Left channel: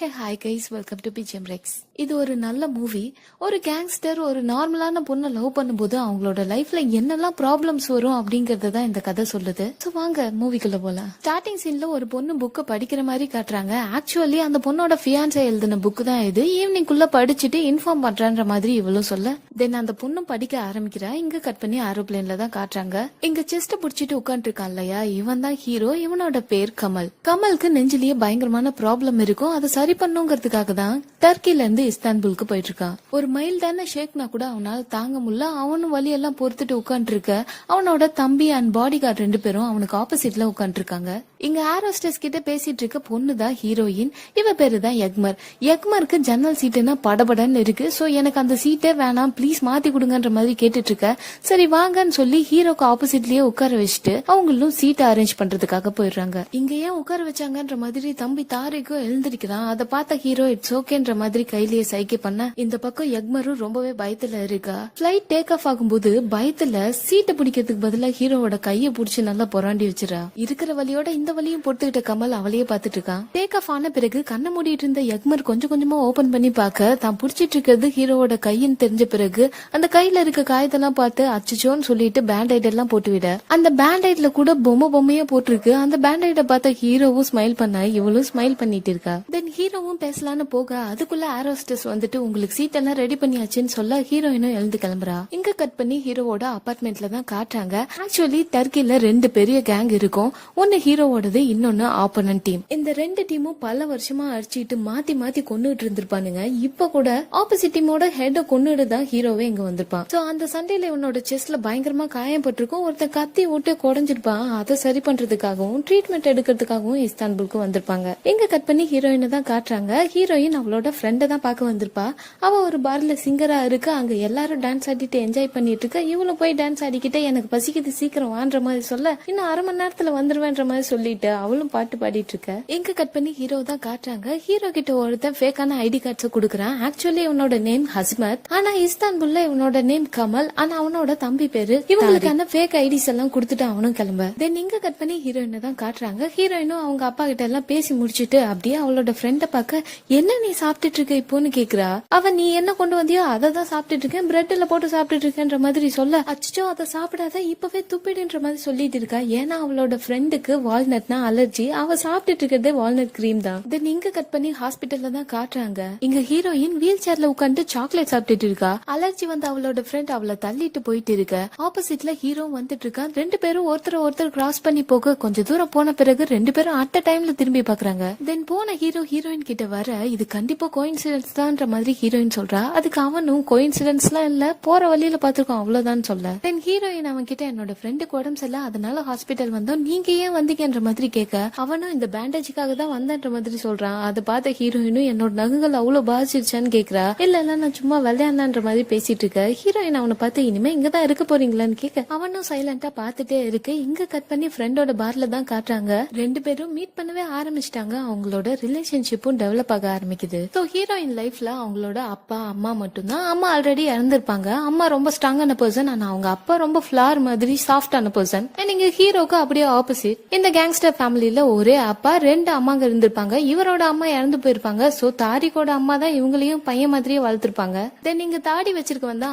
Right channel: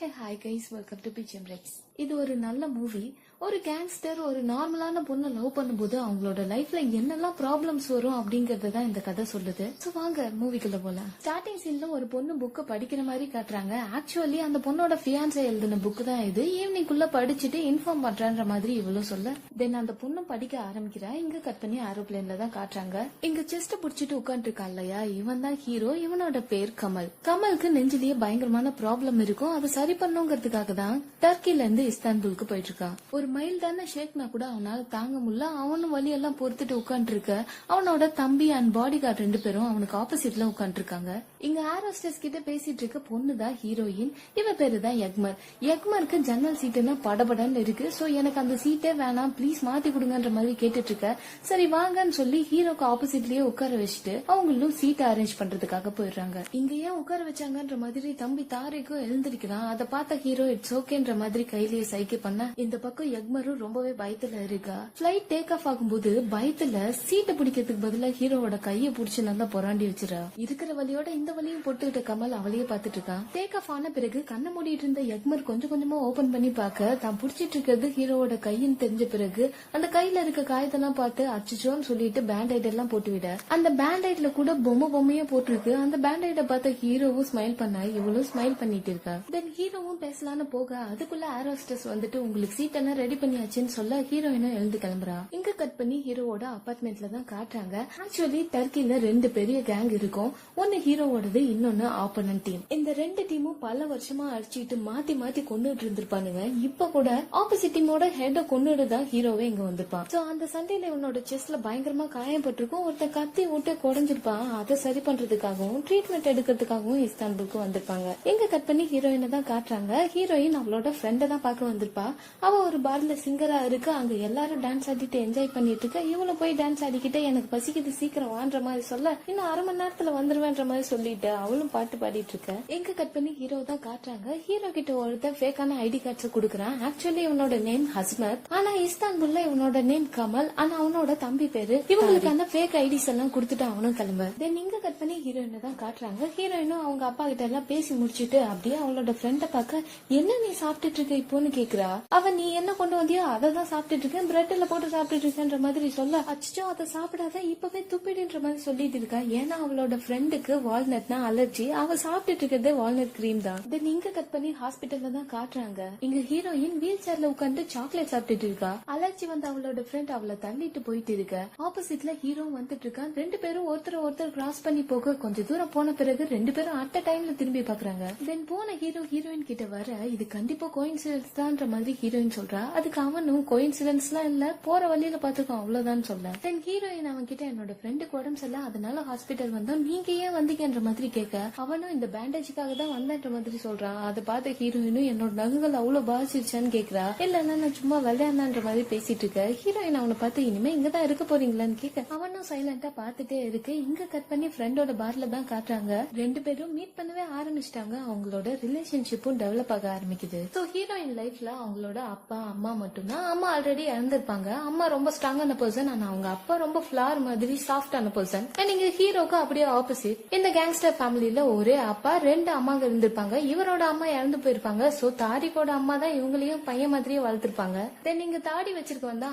Hey hi guys, welcome to BGM Rex. இது ஒரு நல்ல மூவி. ஒரு கேங்ஸ்டர் ஒரு நார்மலான பொண்ணை லவ் பண்ணும்போது அவங்களோட லைஃப்ல என்னெல்லாம் ப்ராப்ளம்ஸ் வரும் அப்படிங்கறத தான் இந்த கதை சொல்லுது. சோ வாங்க மூவிக்குள்ள போலாம். ஸ்டார்டிங் சீன்ல ஒரு பொண்ணு புக்கை படிக்கிற மாதிரி காட்டுறாங்க. ஆக்சுவலி அந்த பொண்ணோட ஃபியான்சே எழுதின புக் தான் இது. ஈவினிங் குள்ள படிச்சுட்டு இன்ஃபார்ம் பண்றன்ற மாதிரி இவ்வளவு சொல்ல தென் அந்த பொண்ணும் படிக்க ஆரம்பிக்கிறா. இங்க கட் பண்ணி ஏரோப்ளேன்ல தான் காட்டுறாங்க. இங்க செஸ்ட் புடிச்சிட்டு உட்காந்து இருக்கான் இல்லையா, இவன் தான் ஹீரோ. இவனோட பேர் கமல். கமலுக்கு நெஞ்சிலேயே பயங்கரமான ப்ராப்ளம் இருக்கும். அதை சரி பண்ணுங்கிறதுக்காக தான் டர்க்கில இருந்து இஸ்தான்புலுக்கு போயிட்டு இருக்கான். ஒரு மைல்டான ஷேக்னா கூட அவனால தாங்க முடியல. அவனும் வலியெல்லாம் பொறுத்துட்டு உட்காந்து இருக்க. அவனோட தம்பி அண்ட் பாடி கார்டு 2 பேரும் அவனுக்கு ஆப்போசிட்ல உட்காந்து இருக்காங்க. இங்க ஏரோஸ்டஸ் கிட்ட பேசிட்டு இருக்க பொண்ணு தான் ஹீரோயின். இவ பேரு தான் எக்மர். எக்மருக்கு ஜன்னல் சீட்டுன்னா படபடன்னு இருக்கு. சோ எனக்கு அந்த சீட்டே வேணாம், ப்ளீஸ் மாத்தி கொடுங்கன்ற மாதிரி கேட்டுட்டு இருக்க. சரி வாங்கன்னு சொல்லி ஹீரோக்கு ஆப்போசிட்லயே உட்கார வச்சுட்டு அவங்களும் சீட்டை அரேஞ்ச் பண்றதுக்காக போயிடுறாங்க. இங்க ஏன் உட்கார வச்சாங்கன்ற மாதிரி தம்பி தாரிக்கும் எழுந்திருக்கிறான். அதை பார்த்த ஹீரோ இட்ஸ் ஓகேன்ற மாதிரி கையிலேயே சைகை பண்ண இந்த பக்கம் எக்மரும் ரொம்பவே பயத்துல இருக்கா. பிளைட் டேக் ஆஃப் ஆகும்போது பயத்துல சீட்டை பிடிக்கிறதுக்கு பதிலா ஹீரோவோட கையை புடிச்சு நல்லா புறாண்டி வச்சிரா. இருக்கிற வலியோட இந்த வலியும் பொறுத்துக்கிட்ட கமல் அவளையே பாத்துட்டு இருக்கான். டேக் ஆஃப் ஆன பிறகு கண்ணை மூடிட்டு இருந்த எக்மர் கொஞ்சம் கொஞ்சமா ஓபன் பண்ணி பாக்க தான் புடிச்சிட்டு இருக்கிறது ஹீரோவோட கையின்னு தெரிஞ்ச பிறகு அந்த கையில இருக்க காயத்தெல்லாம் பார்த்து அச்சுச்சோன்னு சொல்லிட்டு பேண்டைட் எல்லாம் போட்டு விட அந்த பேண்டைட்ல கூட பொம்மையா போட்டிருக்கு. அந்த பேண்டைட பார்த்த ஹீரோவும் ஸ்மைல் பண்ண இவளும் ஸ்மைல் பண்ணிட்டு இருக்கா. தென் ஹீரோவும் பேசலான்னு போக அதுக்குள்ள ஏரோஸ்டஸ் வந்துட்டு உங்களுக்கு சீட் எல்லாம் ரெடி பண்ணியாச்சுன்னு சொல்ல ஹீரோயினும் எழுந்து கிளம்புறா. இங்க கட் பண்ணி ஹீரோவோட அபார்ட்மெண்ட்ல தான் காட்டுறாங்க. ஆக்சுவலி டர்க்கில 2 பெரிய கேங் இருக்கும். ஒன்னு ஹீரோவோடது, இன்னொன்னு ஆப்போனன்ட் டீம். இந்த 2 டீமும் பல வருஷமா அடிச்சுட்டு மாத்தி மாத்தி கொண்டுட்டு இருந்திருப்பானுங்க. இப்ப கூட ஆப்போசிட் டீமோட ஹெட் கொண்டுட்டு தான் ஹீரோவே இங்க வந்திருப்பான். சோ அந்த சண்டையில இவனோட செஸ்ட்ல பயங்கரமா காயப்பட்டிருக்கும். ஒருத்தன் கத்தி விட்டு குறைஞ்சிருப்பான். அதை சரி பண்றதுக்காகவும் ட்ரீட்மெண்ட் எடுக்கிறதுக்காகவும் இஸ்தான்புலுக்கு வந்திருப்பாங்க. இங்க கட் பண்ணி ஹீரோயினை தான் காட்டுறாங்க. ஹீரோயின் அவளோட ஃப்ரெண்ட தான் பார்க்க வந்திருப்பா. அவ ஒரு பார்ல சிங்கரா இருக்கு. அங்க எல்லாரும் டான்ஸ் ஆடிட்டு என்ஜாய் பண்ணிட்டு இருக்க. இவளும் போய் டான்ஸ் ஆடிக்கிட்டே எனக்கு பசிக்குது சீக்கிரம் வான்ற மாதிரி சொல்ல இன்னும் 1/2 மணி நேரத்துல வந்துருவேன்ற மாதிரி சொல்லிட்டு அவளும் பாட்டு பாடிட்டு இருக்க. எங்க கட் பண்ணி ஹீரோ தான் காட்டுறாங்க. ஹீரோ கிட்ட ஒருத்தன் ஃபேக்கான ஐடி கார்ட்ஸ் கொடுக்குறான். ஆக்சுவலி இவனோட நேம் ஹஸ்மத். ஆனா இஸ்தான்புல்ல இவனோட நேம் கமல். ஆனா அவனோட தம்பி பேரு. இவங்களுக்கான ஃபேக் ஐடிஸ் எல்லாம் கொடுத்துட்டு அவனும் கிளம்ப. தென் இங்க கட் பண்ணி ஹீரோயினை தான் காட்டுறாங்க. ஹீரோயினும் அவங்க அப்பா கிட்ட எல்லாம் பேசி முடிச்சிட்டு அப்படியே அவளோட ஃப்ரெண்ட பார்க்க என்ன நீ சாப்பிட்டுட்டு இருக்க இப்போன்னு கேக்குறா. அவ நீ என்ன கொண்டு வந்தியோ அதை தான் சாப்பிட்டுட்டு இருக்கேன், பிரெட்ல போட்டு சாப்பிட்டுட்டு இருக்கேன்ற மாதிரி சொல்ல அச்சோ அதை சாப்பிடாத இப்பவே துப்பிடுன்ற மாதிரி சொல்லிட்டு இருக்கா. ஏன்னா அவளோட ஃப்ரெண்டுக்கு வால்நட்னா அலர்ஜி. அவ சாப்பிட்டுட்டு இருக்கிறதே வால்நட் கிரீம் தான். தென் இங்க கட் பண்ணி ஹாஸ்பிட்டல்ல தான் காட்டுறாங்க. இங்க ஹீரோயின் வீல் சேர்ல உட்காந்து சாக்லேட் சாப்பிட்டுட்டு இருக்கா. அலர்ஜி வந்து அவளோட ஃப்ரெண்ட் அவளை தள்ளிட்டு போயிட்டு இருக்க. ஆப்போசிட்ல ஹீரோ வந்துட்டு இருக்கான். 2 பேரும் ஒருத்தர் கிராஸ் பண்ணி போக கொஞ்சம் தூரம் போன பிறகு 2 பேரும் அட் டைம்ல திரும்பி பாக்குறாங்க. தென் போன ஹீரோயின் கிட்ட வர இது கண்டிப்பா கோயின்சிடன்ஸ் தான்ற மாதிரி ஹீரோயின் சொல்றா. அதுக்கு அவனும் கோயின்சிடன்ஸ்லாம் இல்ல, போற வழியில பாத்துருக்கோம் அவ்வளவுதான் சொல்ல. தென் ஹீரோயின் அவன் கிட்ட என்னோட ஃப்ரெண்டுக்கு உடம்பு சரியில்லை அதனால ஹாஸ்பிட்டல் வந்தோம், நீங்க ஏன் வந்தீங்கன்ற மாதிரி கேட்க அவனும் இந்த பேண்டேஜுக்காக தான் வந்தன்ற மாதிரி சொல்றான். அதை பார்த்த ஹீரோயினும் என்னோட நகுகள் அவ்வளவு பாதிச்சிருச்சான்னு கேக்குறா. இல்ல நான் சும்மா விளையாடலான்ற மாதிரி பேசிட்டு இருக்க. ஹீரோயின் அவனை பார்த்து இனிமே இங்கதான் இருக்க போறீங்களான்னு கேட்க அவனும் சைலண்டா பாத்துட்டே இருக்கு. இங்க கட் பண்ணி ஃப்ரெண்டோட பார்ல தான் காட்டுறாங்க. 2 பேரும் மீட் பண்ணவே ஆரம்பிச்சிட்டாங்க. அவங்களோட ரிலேஷன்ஷிப்பும் டெவலப் ஆக ஆரம்பிக்குது. சோ ஹீரோயின் லைஃப்ல அவங்களோட அப்பா அம்மா மட்டும்தான். அம்மா ஆல்ரெடி இறந்திருப்பாங்க. அம்மா ரொம்ப ஸ்ட்ராங்கான பர்சன். ஆனா அவங்க அப்பா ரொம்ப ஃபிளார் மாதிரி சாஃப்டான பர்சன். அண்ட் இங்க ஹீரோக்கு அப்படியே ஆப்போசிட். இந்த கேங்ஸ்டர் ஃபேமிலில ஒரே அப்பா 2 அம்மாங்க இருந்திருப்பாங்க. இவரோட அம்மா இறந்து போயிருப்பாங்க. சோ தாரிகோட அம்மா தான் இவங்களையும் பையன் மாதிரியே வளர்த்திருப்பாங்க. தென் இங்க தாடி வச்சிருக்க வந்தா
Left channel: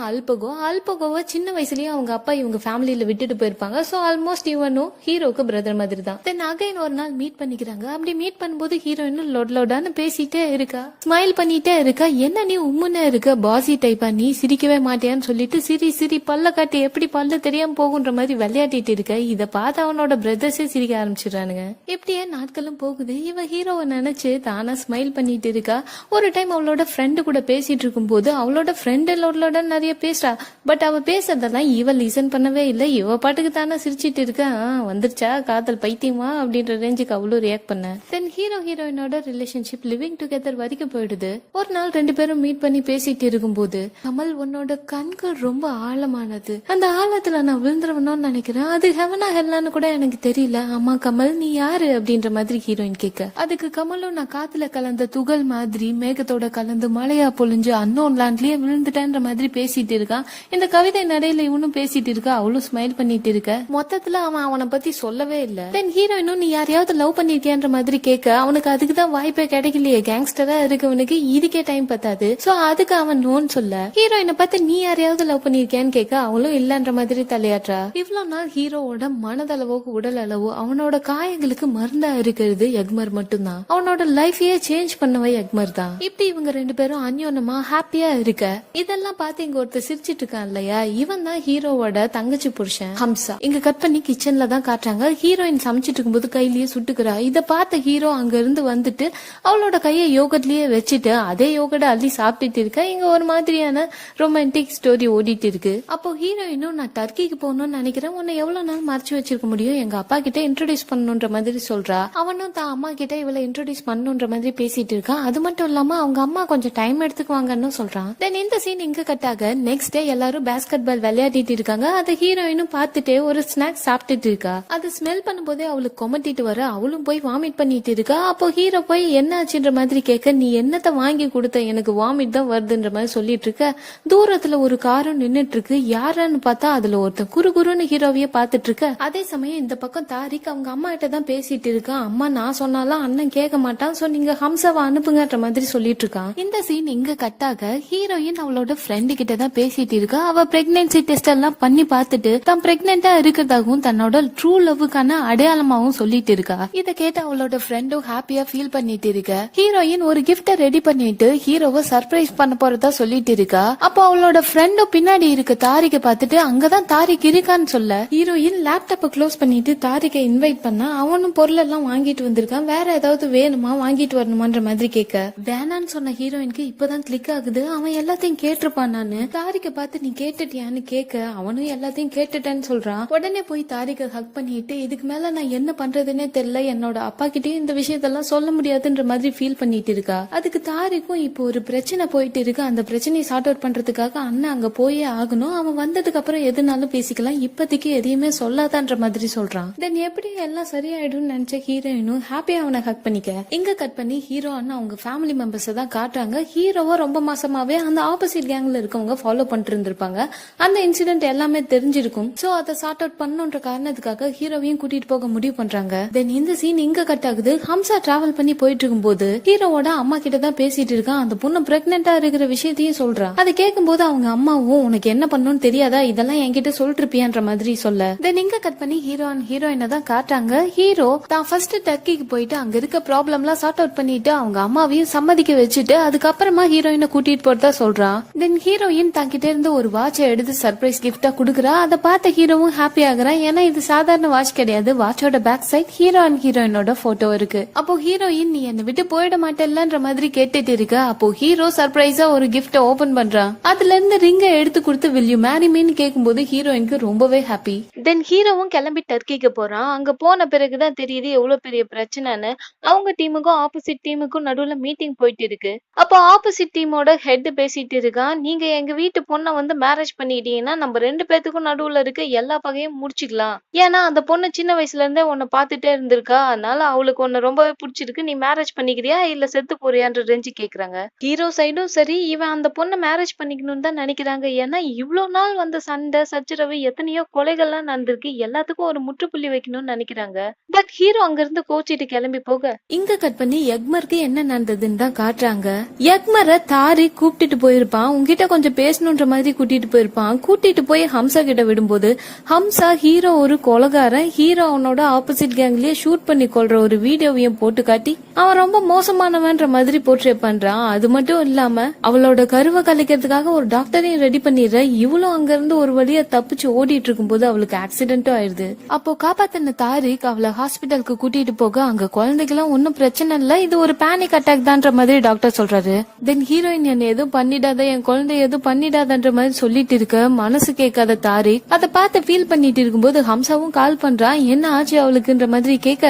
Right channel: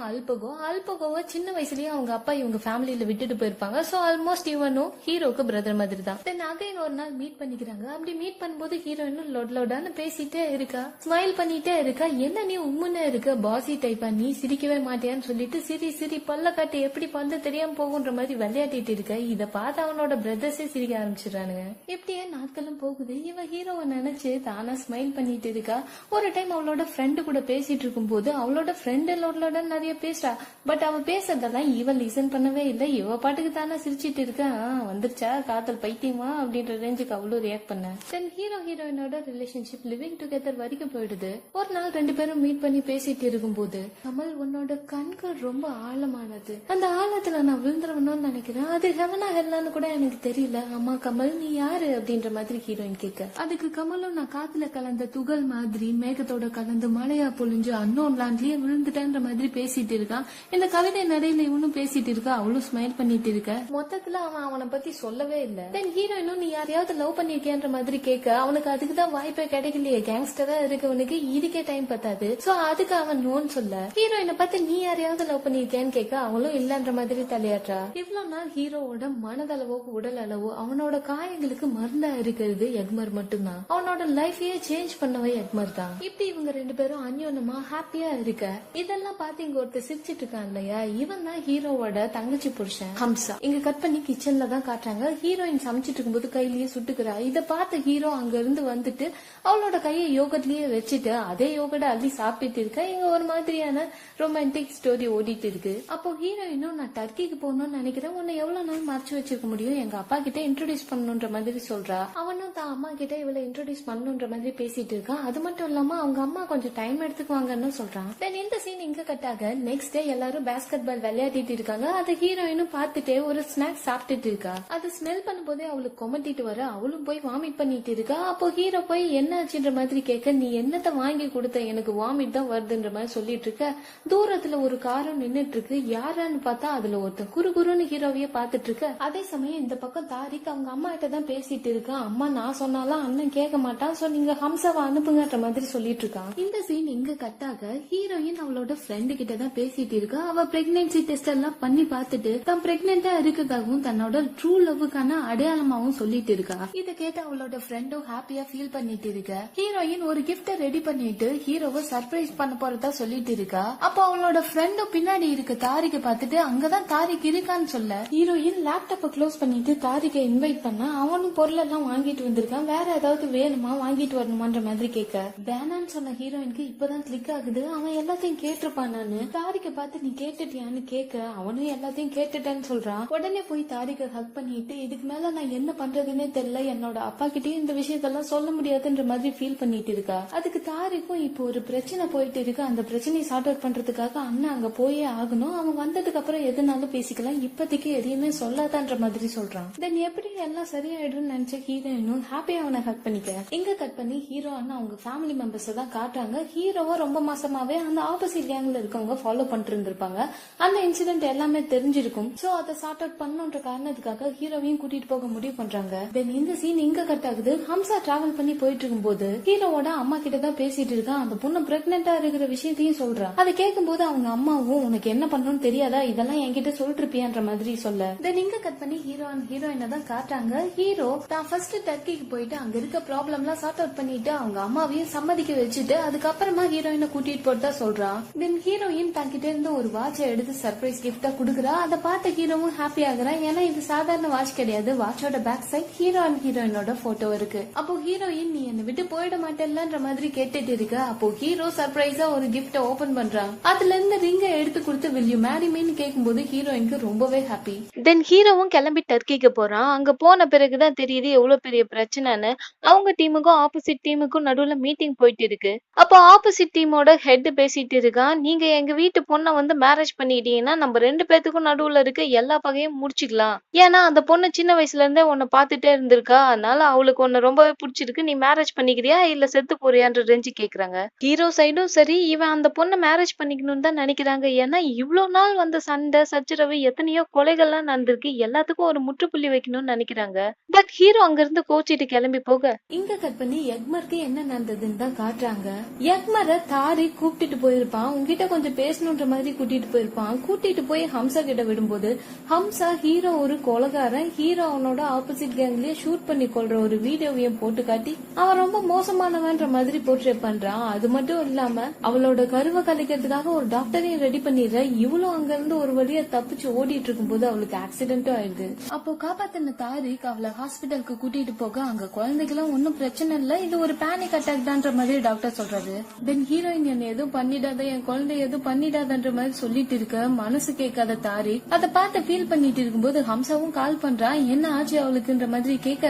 அல்பகோவை சின்ன வயசுலயும் அவங்க அப்பா இவங்க ஃபேமிலியில விட்டுட்டு போயிருப்பாங்க. சோ ஆல்மோஸ்ட் இவனும் ஹீரோக்கு பிரதர் மாதிரி தான். தென் அகைன் ஒரு நாள் மீட் பண்ணிக்கிறாங்க. அப்படி மீட் பண்ணும்போது ஹீரோயினும் லொடான்னு பேசிட்டே இருக்கா, ஸ்மைல் பண்ணிட்டே இருக்கா. என்ன நீ உம்முன்னு இருக்க, பாசி டைப்பா, நீ சிரிக்கவே மாட்டியான்னு சொல்லிட்டு சிரி பல்ல காட்டி எப்படி பல்ல தெரியாம போகுன்ற மாதிரி விளையாடிட்டு இருக்க. இத பார்த்து அவனோட பிரதர்ஸே சிரிக்க ஆரம்பிச்சிடறானுங்க. எப்படியே நாட்களும் போகுது. இவ ஹீரோவை நினைச்சு தானா ஸ்மைல் பண்ணிட்டு இருக்கா. ஒரு டைம் அவளோட ஃப்ரெண்டு கூட பேசிட்டு இருக்கும் போது அவளோட ஃப்ரெண்டு லோட நிறைய பேசுறா. பட் அவ பேசுறதெல்லாம் இவ லிசன் பண்ணவே இல்லை. இவ பாட்டுக்கு தானே சிரிச்சிட்டு இருக்கா. வந்துருச்சா காதல் பைத்தியமா அப்படின்ற ரேஞ்சுக்கு அவ்வளவு ரியாக்ட் பண்ண. தென் ஹீரோயினோட ரிலேஷன்ஷிப் லிவிங் டுகெதர் வரைக்கும் போயிடுது. ஒரு நாள் 2 பேரும் மீட் பண்ணி பேசிட்டு இருக்கும்போது கமல் உன்னோட கண்கள் ரொம்ப ஆழமானது, அந்த ஆழத்துல நான் விழுந்துருவணும்னு நினைக்கிறேன், அது ஹெவனா ஹெல்லான்னு கூட எனக்கு தெரியல. ஆமா கமல் கமல் நீ யாரு அப்படின்ற மாதிரி ஹீரோயின் கேட்க, அதுக்கு கமலும் நான் காத்துல கலந்த துகள் மாதிரி மேகத்தோட கலந்து மழையா பொழிஞ்சு அன்னோன் லேண்ட்லயே விழுந்துட்டேன்ற மாதிரி பேசிட்டு இருக்கான். இந்த கவிதை நடையில இவனும் பேசிட்டு இருக்கா, அவளும் ஸ்மைல் பண்ணிட்டு இருக்க. மொத்தத்துல அவன் அவனை பத்தி சொல்லவே இல்ல. தென் ஹீரோயினும் நீ யாரையாவது லவ் பண்ணிருக்கியான்ற மாதிரி கேட்க, அவனுக்கு அதுக்குதான் வாய்ப்பே கிடைக்கலையே, கேங்ஸ்டரா இருக்கவனுக்கு இதுக்கே டைம் பத்தாது. சோ அதுக்கு அவன் நோன்னு சொல்ல, ஹீரோயினை பார்த்து நீ யாரையாவது லவ் பண்ணிருக்கியான்னு கேட்க அவளும் இல்லன்ற மாதிரி தலையாற்றா. இவ்வளவு நாள் ஹீரோவோட மனதளவோ உடல் அளவோ அவனோட காயங்களுக்கு மருந்தா இருக்கிறது எக்மர் மட்டும்தான். அவனோட லைஃபையே சேஞ்ச் பண்ணவே எக்மர் தான். இப்படி இவங்க ரெண்டு பேரும் அந்யோன்யமா ஹாப்பியா இருக்க இதெல்லாம் பார்த்து இங்க ஒருத்தர் சிரிச்சிட்டு இருக்கான் இல்லையா, இவன் தான் ஹீரோவோட தங்கச்சி புருஷன் ஹம்சா. இங்க கட் பண்ணி கிச்சன்ல தான் காட்டுறாங்க. ஹீரோயின் சமைச்சிட்டு இருக்கும்போது கையிலேயே சுட்டுக்கிறா. இத பார்த்த ஹீரோ அங்க இருந்து வந்துட்டு அவளோட கையை யோகட்லயே வச்சுட்டு அதே யோகட அள்ளி சாப்பிட்டுட்டு இருக்க. இங்க ஒரு மாதிரியான ரொமான்டிக் ஸ்டோரி ஓடிட்டு இருக்கு. அப்போ ஹீரோயினும் நான் டர்க்கிக்கு போகணும்னு நினைக்கிறேன், உன்னை எவ்வளவு நாள் மறைச்சு வச்சிருக்க முடியும், எங்க அப்பா கிட்ட இன்ட்ரோடியூஸ் பண்ணணும்ன்ற மாதிரி சொல்றா. அவனும் தான் அம்மா கிட்ட இவளை இன்ட்ரோடியூஸ் பண்ணணும்ன்ற மாதிரி பேசிட்டு இருக்கான். அது மட்டும் இல்லாம அவங்க அம்மா கொஞ்சம் டைம் எடுத்துக்குவாங்கன்னு சொல்றான். தென் இந்த சீன் இங்க கட்டாக நெக்ஸ்ட் டே எல்லாரும் பேஸ்கெட் பால் விளையாடிட்டு இருக்காங்க. அதை ஹீரோயினும் பார்த்துட்டே ஒரு ஸ்நாக்ஸ் சாப்பிட்டுட்டு இருக்கா. அது ஸ்மெல் பண்ணும்போதே அவளுக்கு கொமட்டிட்டு வர அவளும் போய் வாமிட் பண்ணிட்டு இருக்கா. அப்போ ஹீரோ போய் என்ன ஆச்சுன்ற மாதிரி கேட்க, நீ என்னத்த வாங்கி கொடுத்த, எனக்கு வாமிட் தான் வருதுன்ற மாதிரி சொல்லிட்டு இருக்க. தூரத்துல ஒரு காரும் நின்னுட்டு இருக்கு. யாரான்னு பார்த்தா அதுல ஒருத்தன் குறுகுறுன்னு ஹீரோவையே பாத்துட்டு இருக்க. அதே சமயம் இந்த பக்கம் தாரிக் அவங்க அம்மா கிட்ட தான் பேசிட்டு இருக்கான். அம்மா நான் சொன்னாலும் அண்ணன் கேட்க மாட்டான், சோ நீங்க ஹம்சாவை அனுப்புங்கன்ற மாதிரி சொல்லிட்டு இருக்கான். இந்த சீன் இங்க கட்டாக ஹீரோயின் அவளோட ஃப்ரெண்டு கிட்ட தான் பேசிட்டு இருக்கா. அவ பிரெக்னன்சி டெஸ்ட் எல்லாம் பண்ணி பார்த்துட்டு தான் பிரெக்னெண்டா இருக்கிறதாகவும் தன்னோட ட்ரூ லவ்வுக்கான அடையாளமாவும் சொல்லிட்டு இருக்கா. இத கேட்டு அவளோட ஃப்ரெண்டும் ஹாப்பியா ஃபீல் பண்ணிட்டு இருக்க. ஹீரோயின் ஒரு கிஃப்ட ரெடி பண்ணிட்டு ஹீரோவை சர்ப்ரைஸ் பண்ண போறதா சொல்லிட்டு இருக்கா. அப்போ அவளோட ஃப்ரெண்டும் பின்னாடி இருக்க தாரிக்க பார்த்துட்டு அங்கதான் தாரிக் இருக்கான்னு சொல்ல, ஹீரோயின் லேப்டாப்பை க்ளோஸ் பண்ணிட்டு தாரிக்கை இன்வைட் பண்ணா அவனும் பொருள் எல்லாம் வாங்கிட்டு வந்திருக்கான். வேற ஏதாவது வேணுமா வாங்கிட்டு வரணுமான்ற மாதிரி கேட்க, வேணான்னு சொன்ன ஹீரோயினுக்கு இப்பதான் கிளிக் ஆகுது, அவன் எல்லாத்தையும் கேட்டிருப்பான். நானு தாரிக்க பார்த்து நீ கேட்டுட்டியான்னு கேட்க அவனும் எல்லாத்தையும் கேட்டுட்டேன்னு சொல்றான். உடனே போய் தாரிக்க ஹக் பண்ணிட்டு இதுக்கு மேல நான் என்ன பண்றதுன்னே தெரியல, என்னோட அப்பா கிட்டயும் இந்த விஷயத்தெல்லாம் சொல்ல முடியாதுன்ற மாதிரி ஃபீல் பண்ணிட்டு இருக்கா. அதுக்கு தாரிக்கும் இப்போ ஒரு பிரச்சனை போயிட்டு இருக்கு. அந்த பிரச்சனையை சார்ட் அவுட் பண்றதுக்காக அண்ணன் அங்க போயே ஆகணும், அவன் வந்ததுக்கு அப்புறம் எதுனாலும் பேசிக்கலாம், இப்போதைக்கு எதையுமே சொல்லாதான்ற மாதிரி சொல்றான். தென் எப்படி எல்லாம் சரியாயிடும் நினைச்ச ஹீரோயினும் ஹாப்பியா அவனை ஹக் பண்ணிக்க. இங்க கட் பண்ணி ஹீரோ அண்ணா அவங்க ஃபேமிலி மெம்பர்ஸ் தான் காட்டுறாங்க. ஹீரோவா ரொம்ப மாசமாவே அந்த ஆப்போசிட் கேங்ல இருக்கவங்க ஃபாலோ பண்ணிட்டு இருந்திருப்பாங்க. அந்த இன்சிடென்ட் எல்லாமே தெரிஞ்சிருக்கும். சோ அதை சார்ட் அவுட் பண்ணணும்ன்ற காரணத்துக்காக ஹீரோவையும் கூட்டிட்டு போக முடிவு பண்றாங்க. தென் இந்த சீன் இங்க கட் ஆகுது. ஹம்சா டிராவல் பண்ணி போயிட்டு இருக்கும் போது ஹீரோவோட அம்மா கிட்ட தான் பேசிட்டு இருக்கான். அந்த பொண்ணு பிரெக்னெண்டா இருக்கிற விஷயத்தையே சொல்றா. அதை கேட்கும் போது அவங்க அம்மாவும் உனக்கு என்ன பண்ணணும்னு தெரியாதா, இதெல்லாம் என்கிட்ட சொல்லிருப்பியான்ற மாதிரி சொல்ல, தென் இங்க கட் பண்ணி ஹீரோ அண்ட் ஹீரோயினை தான் காட்டுறாங்க. ஹீரோ தான் ஃபர்ஸ்ட் டர்க்கிக்கு போயிட்டு அங்க இருக்க ப்ராப்ளம் எல்லாம் சார்ட் அவுட் பண்ணிட்டு அவங்க அம்மாவையும் சம்மதிக்க வச்சுட்டு அதுக்கப்புறமா ஹீரோயினை கூட்டிட்டு போறதா சொல்றான். தென் ஹீரோயின் தங்கிட்ட இருந்து ஒரு வாட்சை எடுத்து சர்ப்ரைஸ் கிஃப்டா குடுக்குறா. அதை பார்த்த ஹீரோவும் ஹாப்பி ஆகுறான். ஏன்னா இது சாதாரண வாட்ச் கிடையாது. வாட்சோட பேக் சைட் ஹீரோ அண்ட் ஹீரோயினோட போட்டோ இருக்கு. அப்போ ஹீரோயின் நீ என்னை விட்டு போயிட மாட்டேல்லன்ற மாதிரி கேட்டுட்டு இருக்க. அப்போ ஹீரோ சர்ப்ரைஸா ஒரு கிஃப்ட ஓபன் பண்றான். அதுல இருந்து ரிங்க எடுத்து கொடுத்து will you marry me ன்னு கேட்கும்போது ஹீரோயினுக்கு ரொம்பவே ஹாப்பி. தென் ஹீரோவும் கிளம்பி டர்க்கிக்கு போறான். அங்க போன பிறகுதான் தெரியுது எவ்வளவு பெரிய பிரச்சனைன்னு. அவங்க டீமுக்கும் ஆப்போசிட் டீமுக்கும் நடுவுல மீட்டிங் போயிட்டு இருக்கு. அப்போ ஆப்போசிட் டீமோட ஹெட் பேசிட்டு இருக்கான். நீங்க எங்க வீட்டு பொண்ணை வந்து மேரேஜ் பண்ணிட்டீங்கன்னா நம்ம ரெண்டு பேத்துக்கும் நடுவுல இருக்க எல்லா பகையும் முடிச்சுக்கலாம். ஏன்னா அந்த பொண்ணு சின்ன வயசுல இருந்தே உன்னை பாத்துட்டே இருந்திருக்கா, அதனால அவளுக்கு உன்னை ரொம்பவே பிடிச்சிருக்கு, நீ மேரேஜ் பண்ணிக்கிறியா இல்ல செத்து போறியான்ற ரேஞ்சு கேக்குறாங்க. ஹீரோ சைடும் சரி இவன் அந்த பொண்ணை மேரேஜ் பண்ணிக்கணும்னு தான் நினைக்கிறாங்க. ஏன்னா இவ்வளவு நாள் வந்த சண்டை சச்சரவு எத்தனையோ கொலைகள்லாம் நடந்திருக்கு, எல்லாத்துக்கும் ஒரு முற்றுப்புள்ளி வைக்கணும்னு நினைக்கிறாங்க. பட் ஹீரோ அங்க இருந்து கோச்சிட்டு கிளம்பி போக இங்க கட் பண்ணி எக்மருக்கு என்ன நடந்ததுன்னு தான் காட்டுறாங்க. எக்மரை தாரி கூப்பிட்டுட்டு போயிருப்பான். உங்ககிட்ட கொஞ்சம் பேசணுன்ற மாதிரி கூட்டிட்டு போயிருப்பான். கூட்டிட்டு போய் ஹம்சா கிட்ட விடும்போது ஹம்சா ஹீரோ ஒரு கொலகாரன், ஹீரோ அவனோட ஆப்போசிட் கேங்லயே ஷூட் பண்ணி கொள்ற ஒரு வீடியோவையும் போட்டு காட்டி அவன் ரொம்ப மோசமானவன்ற மாதிரி போர்ட்ரே பண்றான். அது மட்டும் இல்லாம அவளோட கருவை கலைக்கிறதுக்காக ஒரு டாக்டரையும் ரெடி பண்ணிடுற. இவளும் அங்க இருந்து ஒரு வழியா தப்பிச்சு ஓடிட்டு இருக்கும் போது அவளுக்கு ஆக்சிடென்ட்டும் ஆயிடுது. அப்போ காப்பாத்தின தாரிக் அவளை ஹாஸ்பிட்டலுக்கு கூட்டிட்டு போக அங்க குழந்தைக்கெல்லாம் ஒன்னும் பிரச்சனை இல்ல, இது ஒரு பேனிக் அட்டாக் தான்ற மாதிரி டாக்டர் சொல்றாரு. தென் ஹீரோயின் என்ன எதுவும் பண்ணிடாத, என் குழந்தை எதுவும் பண்ணிடாதன்ற மாதிரி சொல்லிட்டு இருக்க. மனசு கேட்காத தாரிக் அதை பார்த்து ஃபீல் பண்ணிட்டு இருக்கும்போது ஹம்சாவும் கால் பண்றான். என்ன ஆச்சு அவளுக்குன்ற மாதிரி கேட்க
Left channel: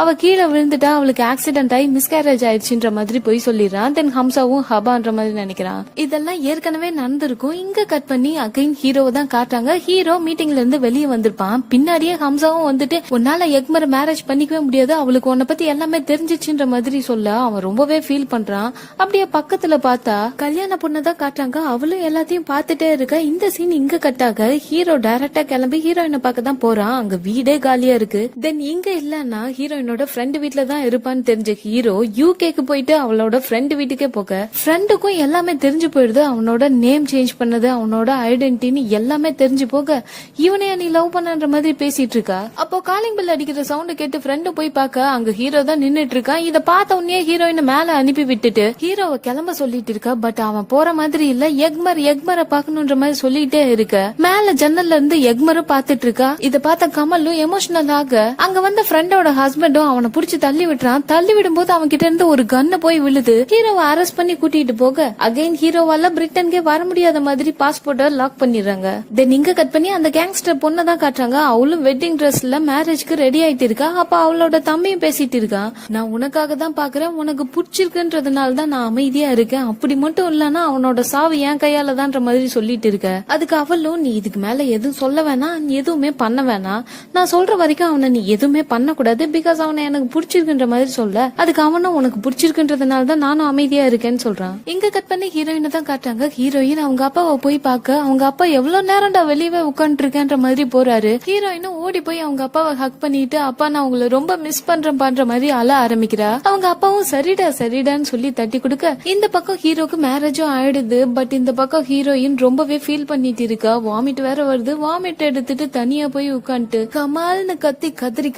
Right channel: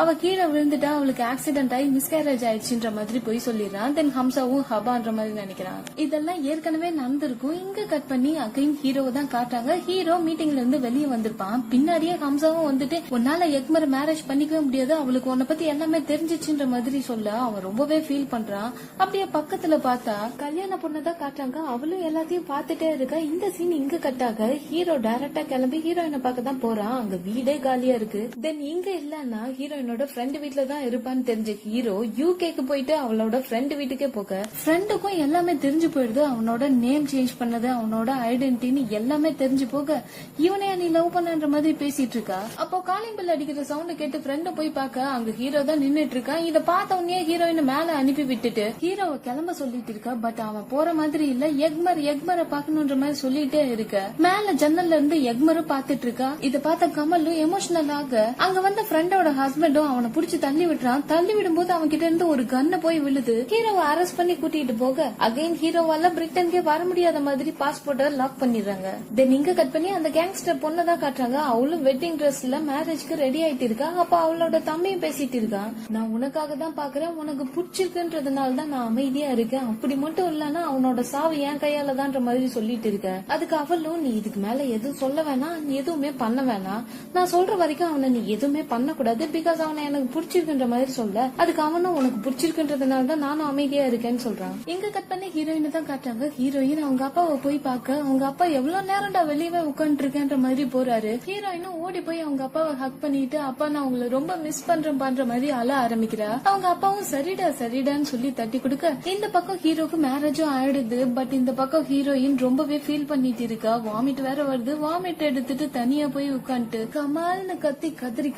அவ கீழே விழுந்துட்டா, அவளுக்கு ஆக்சிடென்ட் ஆகி மிஸ்கேரேஜ் ஆயிடுச்சுன்ற மாதிரி போய் சொல்லிடுறான். தென் ஹம்சாவும் ஹபான்ற மாதிரி நினைக்கிறான். இதெல்லாம் ஏற்கனவே நடந்திருக்கும். இங்க கட் பண்ணி அகைன் ஹீரோவை தான் காட்டுறாங்க. ஹீரோ மீட்டிங்ல இருந்து வெளியே வந்திருப்பான். பின்னாடியே ஹம்சாவும் வந்துட்டு உன்னால எக்மரை மேரேஜ் பண்ணிக்கவே முடியாது, அவளுக்கு உன்னை பத்தி எல்லாமே தெரிஞ்சிச்சுன்ற மாதிரி சொல்ல அவன் ரொம்பவே ஃபீல் பண்றான். அப்படியே பக்கத்துல பார்த்தா கல்யாண பொண்ணதான் காட்டுறாங்க. அவளும் எல்லாத்தையும் பார்த்துட்டே இருக்க. இந்த சீன் இங்க கட்டாக ஹீரோ டைரக்டா கிளம்பி ஹீரோயினை பார்க்க தான் போறான். அங்க வீடே காலியா இருக்கு. தென் இங்க இல்லன்னா ஹீரோயினோட ஃப்ரெண்டு வீட்டுல தான் இருப்பான்னு தெரிஞ்ச ஹீரோ யூகேக்கு போயிட்டு அவளோட ஃப்ரெண்டு வீட்டுக்கே போக ஃப்ரெண்டுக்கும் எல்லாமே தெரிஞ்சு போயிடுது. அவனோட நேம் சேஞ்ச் பண்ணது, அவனோட ஐடென்டிட்டின்னு எல்லாமே தெரிஞ்சு போக இவனையா நீ லவ் பண்ணன்ற மாதிரி பேசிட்டு இருக்கா. அப்போ காலிங் பெல் அடிக்கிற சவுண்ட் கேட்டு ஃப்ரெண்டு போய் பார்க்க அங்க ஹீரோ தான் நின்னுட்டு இருக்கான். இத பார்த்த உடனே ஹீரோயினை மேல அனுப்பி விட்டுட்டு ஹீரோவை கிளம்ப சொல்லிட்டு இருக்கா. பட் அவன் போற மாதிரி இல்ல. எக்மரை பாக்கணும்ன்ற மாதிரி சொல்லிட்டே இருக்க மேல ஜன்னல்ல இருந்து எக்மரும் பாத்துட்டு இருக்கா. இத பார்த்த கமலும் எமோஷனல் ஆக அங்க வந்த ஃப்ரெண்டோட ஹஸ்பண்டும் அவனை புடிச்சு தள்ளி விட்டுறான். தள்ளி விடும்போது அவன் கிட்ட இருந்து ஒரு கன்னு போய் விழுது. ஹீரோவை அரெஸ்ட் பண்ணி கூட்டிட்டு போக அகைன் ஹீரோவால பிரிட்டன்கே வர முடியாத மாதிரி பாஸ்போர்ட்டை லாக் பண்ணிடுறாங்க. தென் இங்க கட் பண்ணி அந்த கேங்ஸ்டர் பொண்ணை தான் காட்டுறாங்க. அவளும் வெட்டிங் ட்ரெஸ்ல மேரேஜ்க்கு ரெடி ஆயிட்டு இருக்கா. அப்ப அவளோட தம்பியும் பேசிட்டு இருக்கான். நான் உனக்காக தான் பாக்குறேன், உனக்கு பிடிச்சிருக்குன்றதுனால தான் நான் அமைதியா இருக்கேன், அப்படி மட்டும் இல்லன்னா அவனோட சாவு என் கையால தான்ற மாதிரி சொல்லிட்டு இருக்க. அதுக்கு அவளும் நீ இதுக்கு மேல எதுவும் சொல்ல வேணாம், நீ எதுவுமே பண்ண வேணாம், நான் சொல்ற வரைக்கும் அவனை நீ எதுவுமே பண்ண கூடாது, பிகாஸ் அவனை எனக்கு பிடிச்சிருக்குன்ற மாதிரி சொல்ல. அதுக்கு அவனும் உனக்கு பிடிச்சிருக்குன்றதுனால தான் நானும் அமைதியா இருக்கேன்னு சொல்றான். இங்க கட் பண்ணி ஹீரோயினை தான் காட்டுறாங்க. ஹீரோயின் அவங்க அப்பாவை போய் பார்க்க அவங்க அப்பா எவ்வளவு நேரம்டா வெளியவே உட்காந்து இருக்கேன்ற மாதிரி போறாரு. ஹீரோயினும் ஓடி போய் அவங்க அப்பாவை ஹக் பண்ணிட்டு அப்பா நான் உங்களை ரொம்ப மிஸ் பண்ற மாதிரி அழ ஆரம்பிக்கிறா. அவங்க அப்பாவும் சரிடான்னு சொல்லி தட்டி கொடுக்க இந்த பக்கம் ஹீரோக்கு மேரேஜும் ஆயிடுது. பட் இந்த பக்கம் ஹீரோயின் ரொம்பவே ஃபீல் பண்ணிட்டு இருக்கா. வாமிட் வேற வருது. வாமிட் எடுத்துட்டு தனியா போய் உட்காந்துட்டு கமால்னு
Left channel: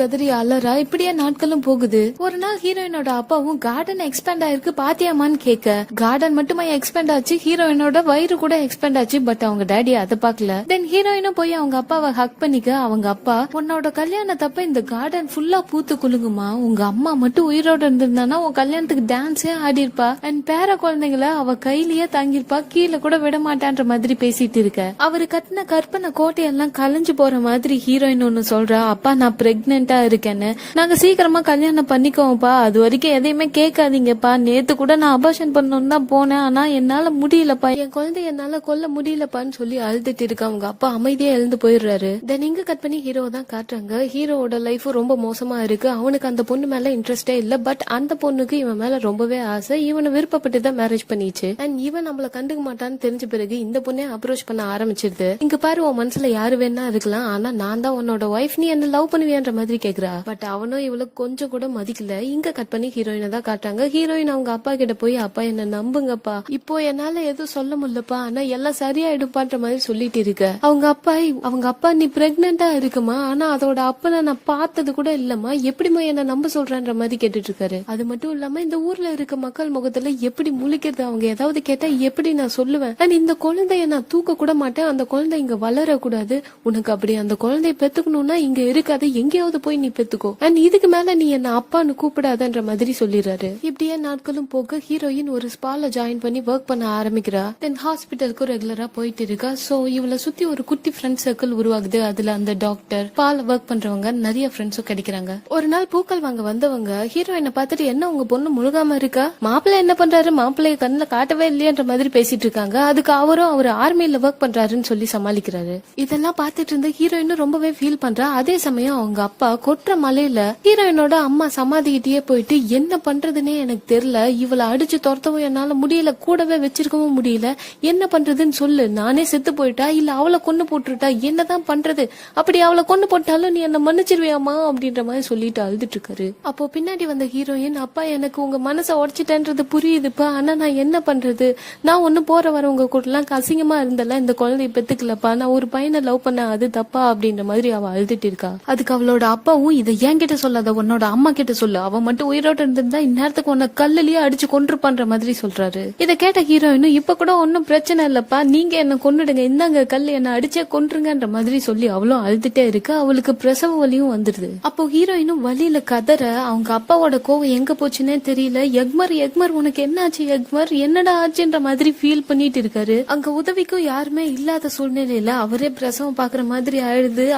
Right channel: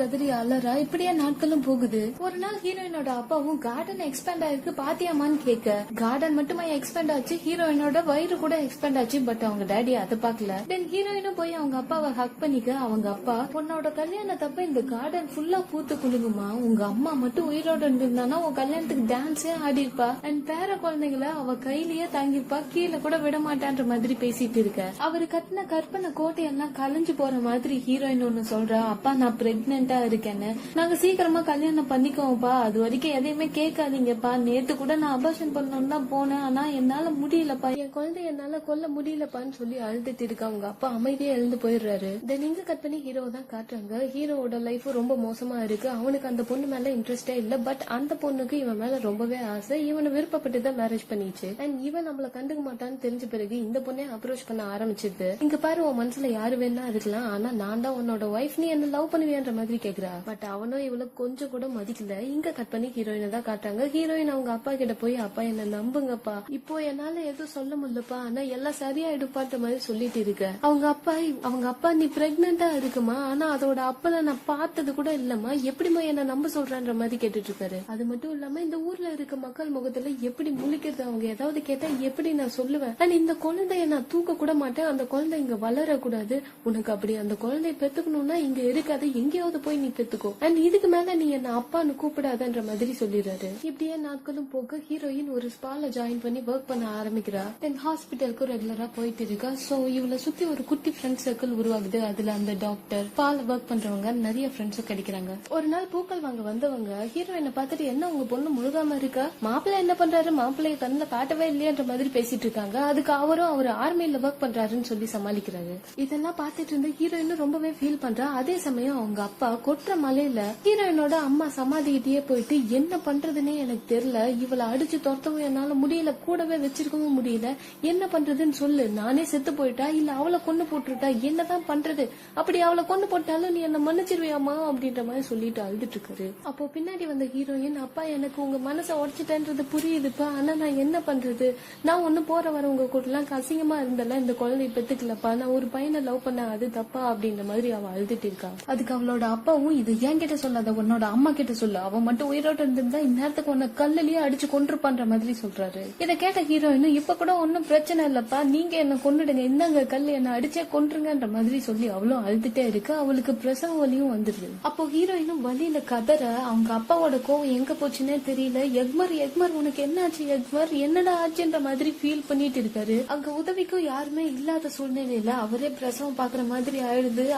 கதறி அலறா. இப்படியே நாட்களும் போகுது. ஒரு நாள் ஹீரோயினோட அப்பாவும் கார்டன் எக்ஸ்பேண்ட் ஆயிருக்கு பாத்தியாமான்னு கேட்க கார்டன் மட்டுமா எக்ஸ்பேண்ட் ஆச்சு, ஹீரோயினோட வயிறு கூட எக்ஸ்பேண்ட் ஆச்சு. பட் அவங்க டேடி அதை பாக்கல. தென் ஹீரோயினும் போய் அவங்க அப்பாவை ஹக் பண்ணிக்க அவங்க அப்பா உன்னோட கல்யாணத்தப்ப இந்த கார்டன் ஃபுல்லா பூத்து குலுங்குமா, உங்க அம்மா மட்டும் உயிரோட இருந்திருந்தானா உன் கல்யாணத்துக்கு டான்ஸே ஆடி இருப்பா அண்ட் பேர குழந்தைங்கள அவ கையிலேயே தாங்கிருப்பா, கீழே கூட விட மாட்டான்ற மாதிரி பேசிட்டு இருக்க. அவரு கட்டின கற்பனை கோட்டையெல்லாம் கலைஞ்சு போற மாதிரி ஹீரோயின் ஒன்னு சொல்றா. அப்பா நான் பிரெக்னெண்டா இருக்கேன்னு, நாங்க சீக்கிரமா கல்யாணம் பண்ணிக்கோப்பா, அது வரைக்கும் எதையுமே கேட்காதீங்கப்பா, நேத்து கூட நான் அபார்ஷன் பண்ணணும்னு தான் போனேன், ஆனா என்னால முடியலப்பா, என் குழந்தை என்னால கொல்ல முடியலப்பான்னு சொல்லி அழுதுட்டு இருக்க. அவங்க அப்பா அமைதியா எழுந்து போயிடுறாரு. தென் இங்க கட் பண்ணி ஹீரோ தான் காட்டுறாங்க. ஹீரோவோட லைஃப் ரொம்ப மோசமா இருக்கு. அவனுக்கு அந்த பொண்ணு மேல இன்ட்ரெஸ்டே இல்ல. பட் அந்த பொண்ணுக்கு இவன் மேல ரொம்பவே ஆசை. இவனை விருப்பப்பட்டு தான் மேரேஜ் பண்ணிச்சு. அண்ட் இவன் நம்மள கண்டுக்க மாட்டான்னு தெரிஞ்ச பிறகு இந்த பொண்ணே அப்ரோச் பண்ண ஆரம்பிச்சிருது. இங்க பாரு உன் மனசுல யாரு வேணா இருக்கலாம், ஆனா நான் தான் உன்னோட ஒய்ஃப், நீ என்ன லவ் பண்ணுவியான்ற மாதிரி கேக்குறா. பட் அவனும் இவளுக்கு கொஞ்சம் கூட மதிக்கல. இங்க கட் பண்ணி ஹீரோயினை தான் காட்டுறாங்க. ஹீரோயின் அவங்க அப்பா கிட்ட போய் அப்பா என்ன நம்புங்கப்பா, இப்போ என்னால எதுவும் சொல்ல முடியலப்பா, ஆனா எல்லாம் சரியாயிடுப்பான்ற மாதிரி சொல்லிட்டு இருக்க. அவங்க அப்பா நீ பிரெக்னெண்டா இருக்குமா, ஆனா அதோட அப்பனை நான் பார்த்தது கூட இல்லம்மா, எப்படிமா என்ன நம்ப சொல்றன்ற மாதிரி கேட்டுட்டு இருக்காரு. அது மட்டும் இல்லாம இந்த ஊர்ல இருக்க மக்கள் முகத்துல எப்படி முழிக்கிறது, அவங்க ஏதாவது கேட்டா எப்படி நான் சொல்லுவேன், அண்ட் இந்த குழந்தைய நான் தூக்க கூட மாட்டேன், அந்த குழந்தை இங்க வளரக்கூடாது, உனக்கு அப்படி அந்த குழந்தைய பெத்துக்கணும்னா இங்க இருக்காது, எங்கேயாவது போய் நீ பெத்துக்கோ, அண்ட் இதுக்கு மேல நீ என்ன அப்பான்னு கூப்பிடாதன்ற மாதிரி சொல்லிடுறாரு. இப்படியே நாட்களும் போக ஹீரோயின் ஒரு ஸ்பால ஜாயின் பண்ணி ஒர்க் பண்ண ஆரம்பிக்கிறா. தென் ஹாஸ்பிட்டலுக்கு ரெகுலரா போயிட்டு இருக்கா. சோ இவளை சுத்தி ஒரு குட்டி ஃப்ரெண்ட் சர்க்கிள் உருவாகுது. அதுல அந்த டாக்டர் பால் ஒர்க் பண்றவங்க நிறைய ஃப்ரெண்ட்ஸும் கிடைக்கிறாங்க. ஒரு நாள் பூக்கள் வாங்க வந்தவங்க ஹீரோயினை பார்த்துட்டு என்ன உங்க பொண்ணு முழுகாம இருக்கா, மாப்பிள்ளை என்ன பண்றாரு, மாப்பிள்ளைய கண்ணுல காட்டவே இல்லையன்ற மாதிரி பேசிட்டு இருக்காங்க. அதுக்கு அவரும் அவர் ஆர்மியில ஒர்க் பண்றாருன்னு சொல்லி சமாளிக்கிறாரு. இதெல்லாம் பார்த்துட்டு இருந்த ஹீரோயினும் ரொம்பவே ஃபீல் பண்றா. அதே சமயம் அவங்க அப்பா கொற்ற மலையில ஹீரோயினோட அம்மா சமாதிக்கிட்டே போயிட்டு என்ன பண்றதுன்னே எனக்கு தெரியல, இவளை அடிச்சு துரத்தவும் என்னால முடியல, கூடவே வச்சிருக்கவும் முடியல, என்ன பண்றதுன்னு சொல்லு, நானே செத்து போயிட்டா இல்ல அவளை கொண்டு போட்டுட்டா என்னதான் பண்றது, அப்படி அவளை கொண்டு போட்டாலும் நீ என்ன மன்னிச்சிருவியாமா அப்படின்ற மாதிரி சொல்லிட்டு அழுதுட்டு இருக்காரு. அப்போ பின்னாடி வந்த ஹீரோயின் அப்பா எனக்கு உங்க மனசை உடைச்சிட்டேன்றது புரியுதுப்பா, ஆனா நான் என்ன பண்றது, நான் ஒண்ணு போற வரவங்க கூட எல்லாம் அசிங்கமா இருந்தல, இந்த குழந்தைய பெத்துக்கலப்பா, நான் ஒரு பையனை லவ் பண்ண அது தப்பா அப்படின்ற மாதிரி அவ அழுதுட்டு இருக்கா. அதுக்கு அவளோட அப்பாவும் இதை என்கிட்ட சொல்லாத உன்னோட அம்மா கிட்ட சொல்லு, அவ மட்டும் உயிரோட இருந்திருந்தா இந்நேரத்துக்கு உன்னை கல்லுலயே அடிச்சு கொன்றுப்பான்ற மாதிரி சொல்றாரு. இதை கேட்ட ஹீரோயினும் இப்ப கூட ஒன்னும் பிரச்சனை இல்லப்பா, நீங்க என்ன கொன்னுடுங்க, இந்தாங்க கல்லு, என்ன அடிச்சே கொன்றுங்கன்ற மாதிரி சொல்லி அவளும் அழுதுட்டே இருக்கா. அவளுக்கு பிரசவ வலியும் வந்துருது. அப்போ ஹீரோயினும் வலியில கதற அவங்க அப்பாவோட கோவம் எங்க போச்சுன்னே தெரியல. எக்மர் உனக்கு என்ன ஆச்சு, எக்மர் என்னடா ஆச்சுன்ற மாதிரி ஃபீல் பண்ணிட்டு இருக்காரு. அங்க உதவிக்கும் யாருமே இல்லாத சூழ்நிலையில அவரே பிரசவம் பாக்குற மாதிரி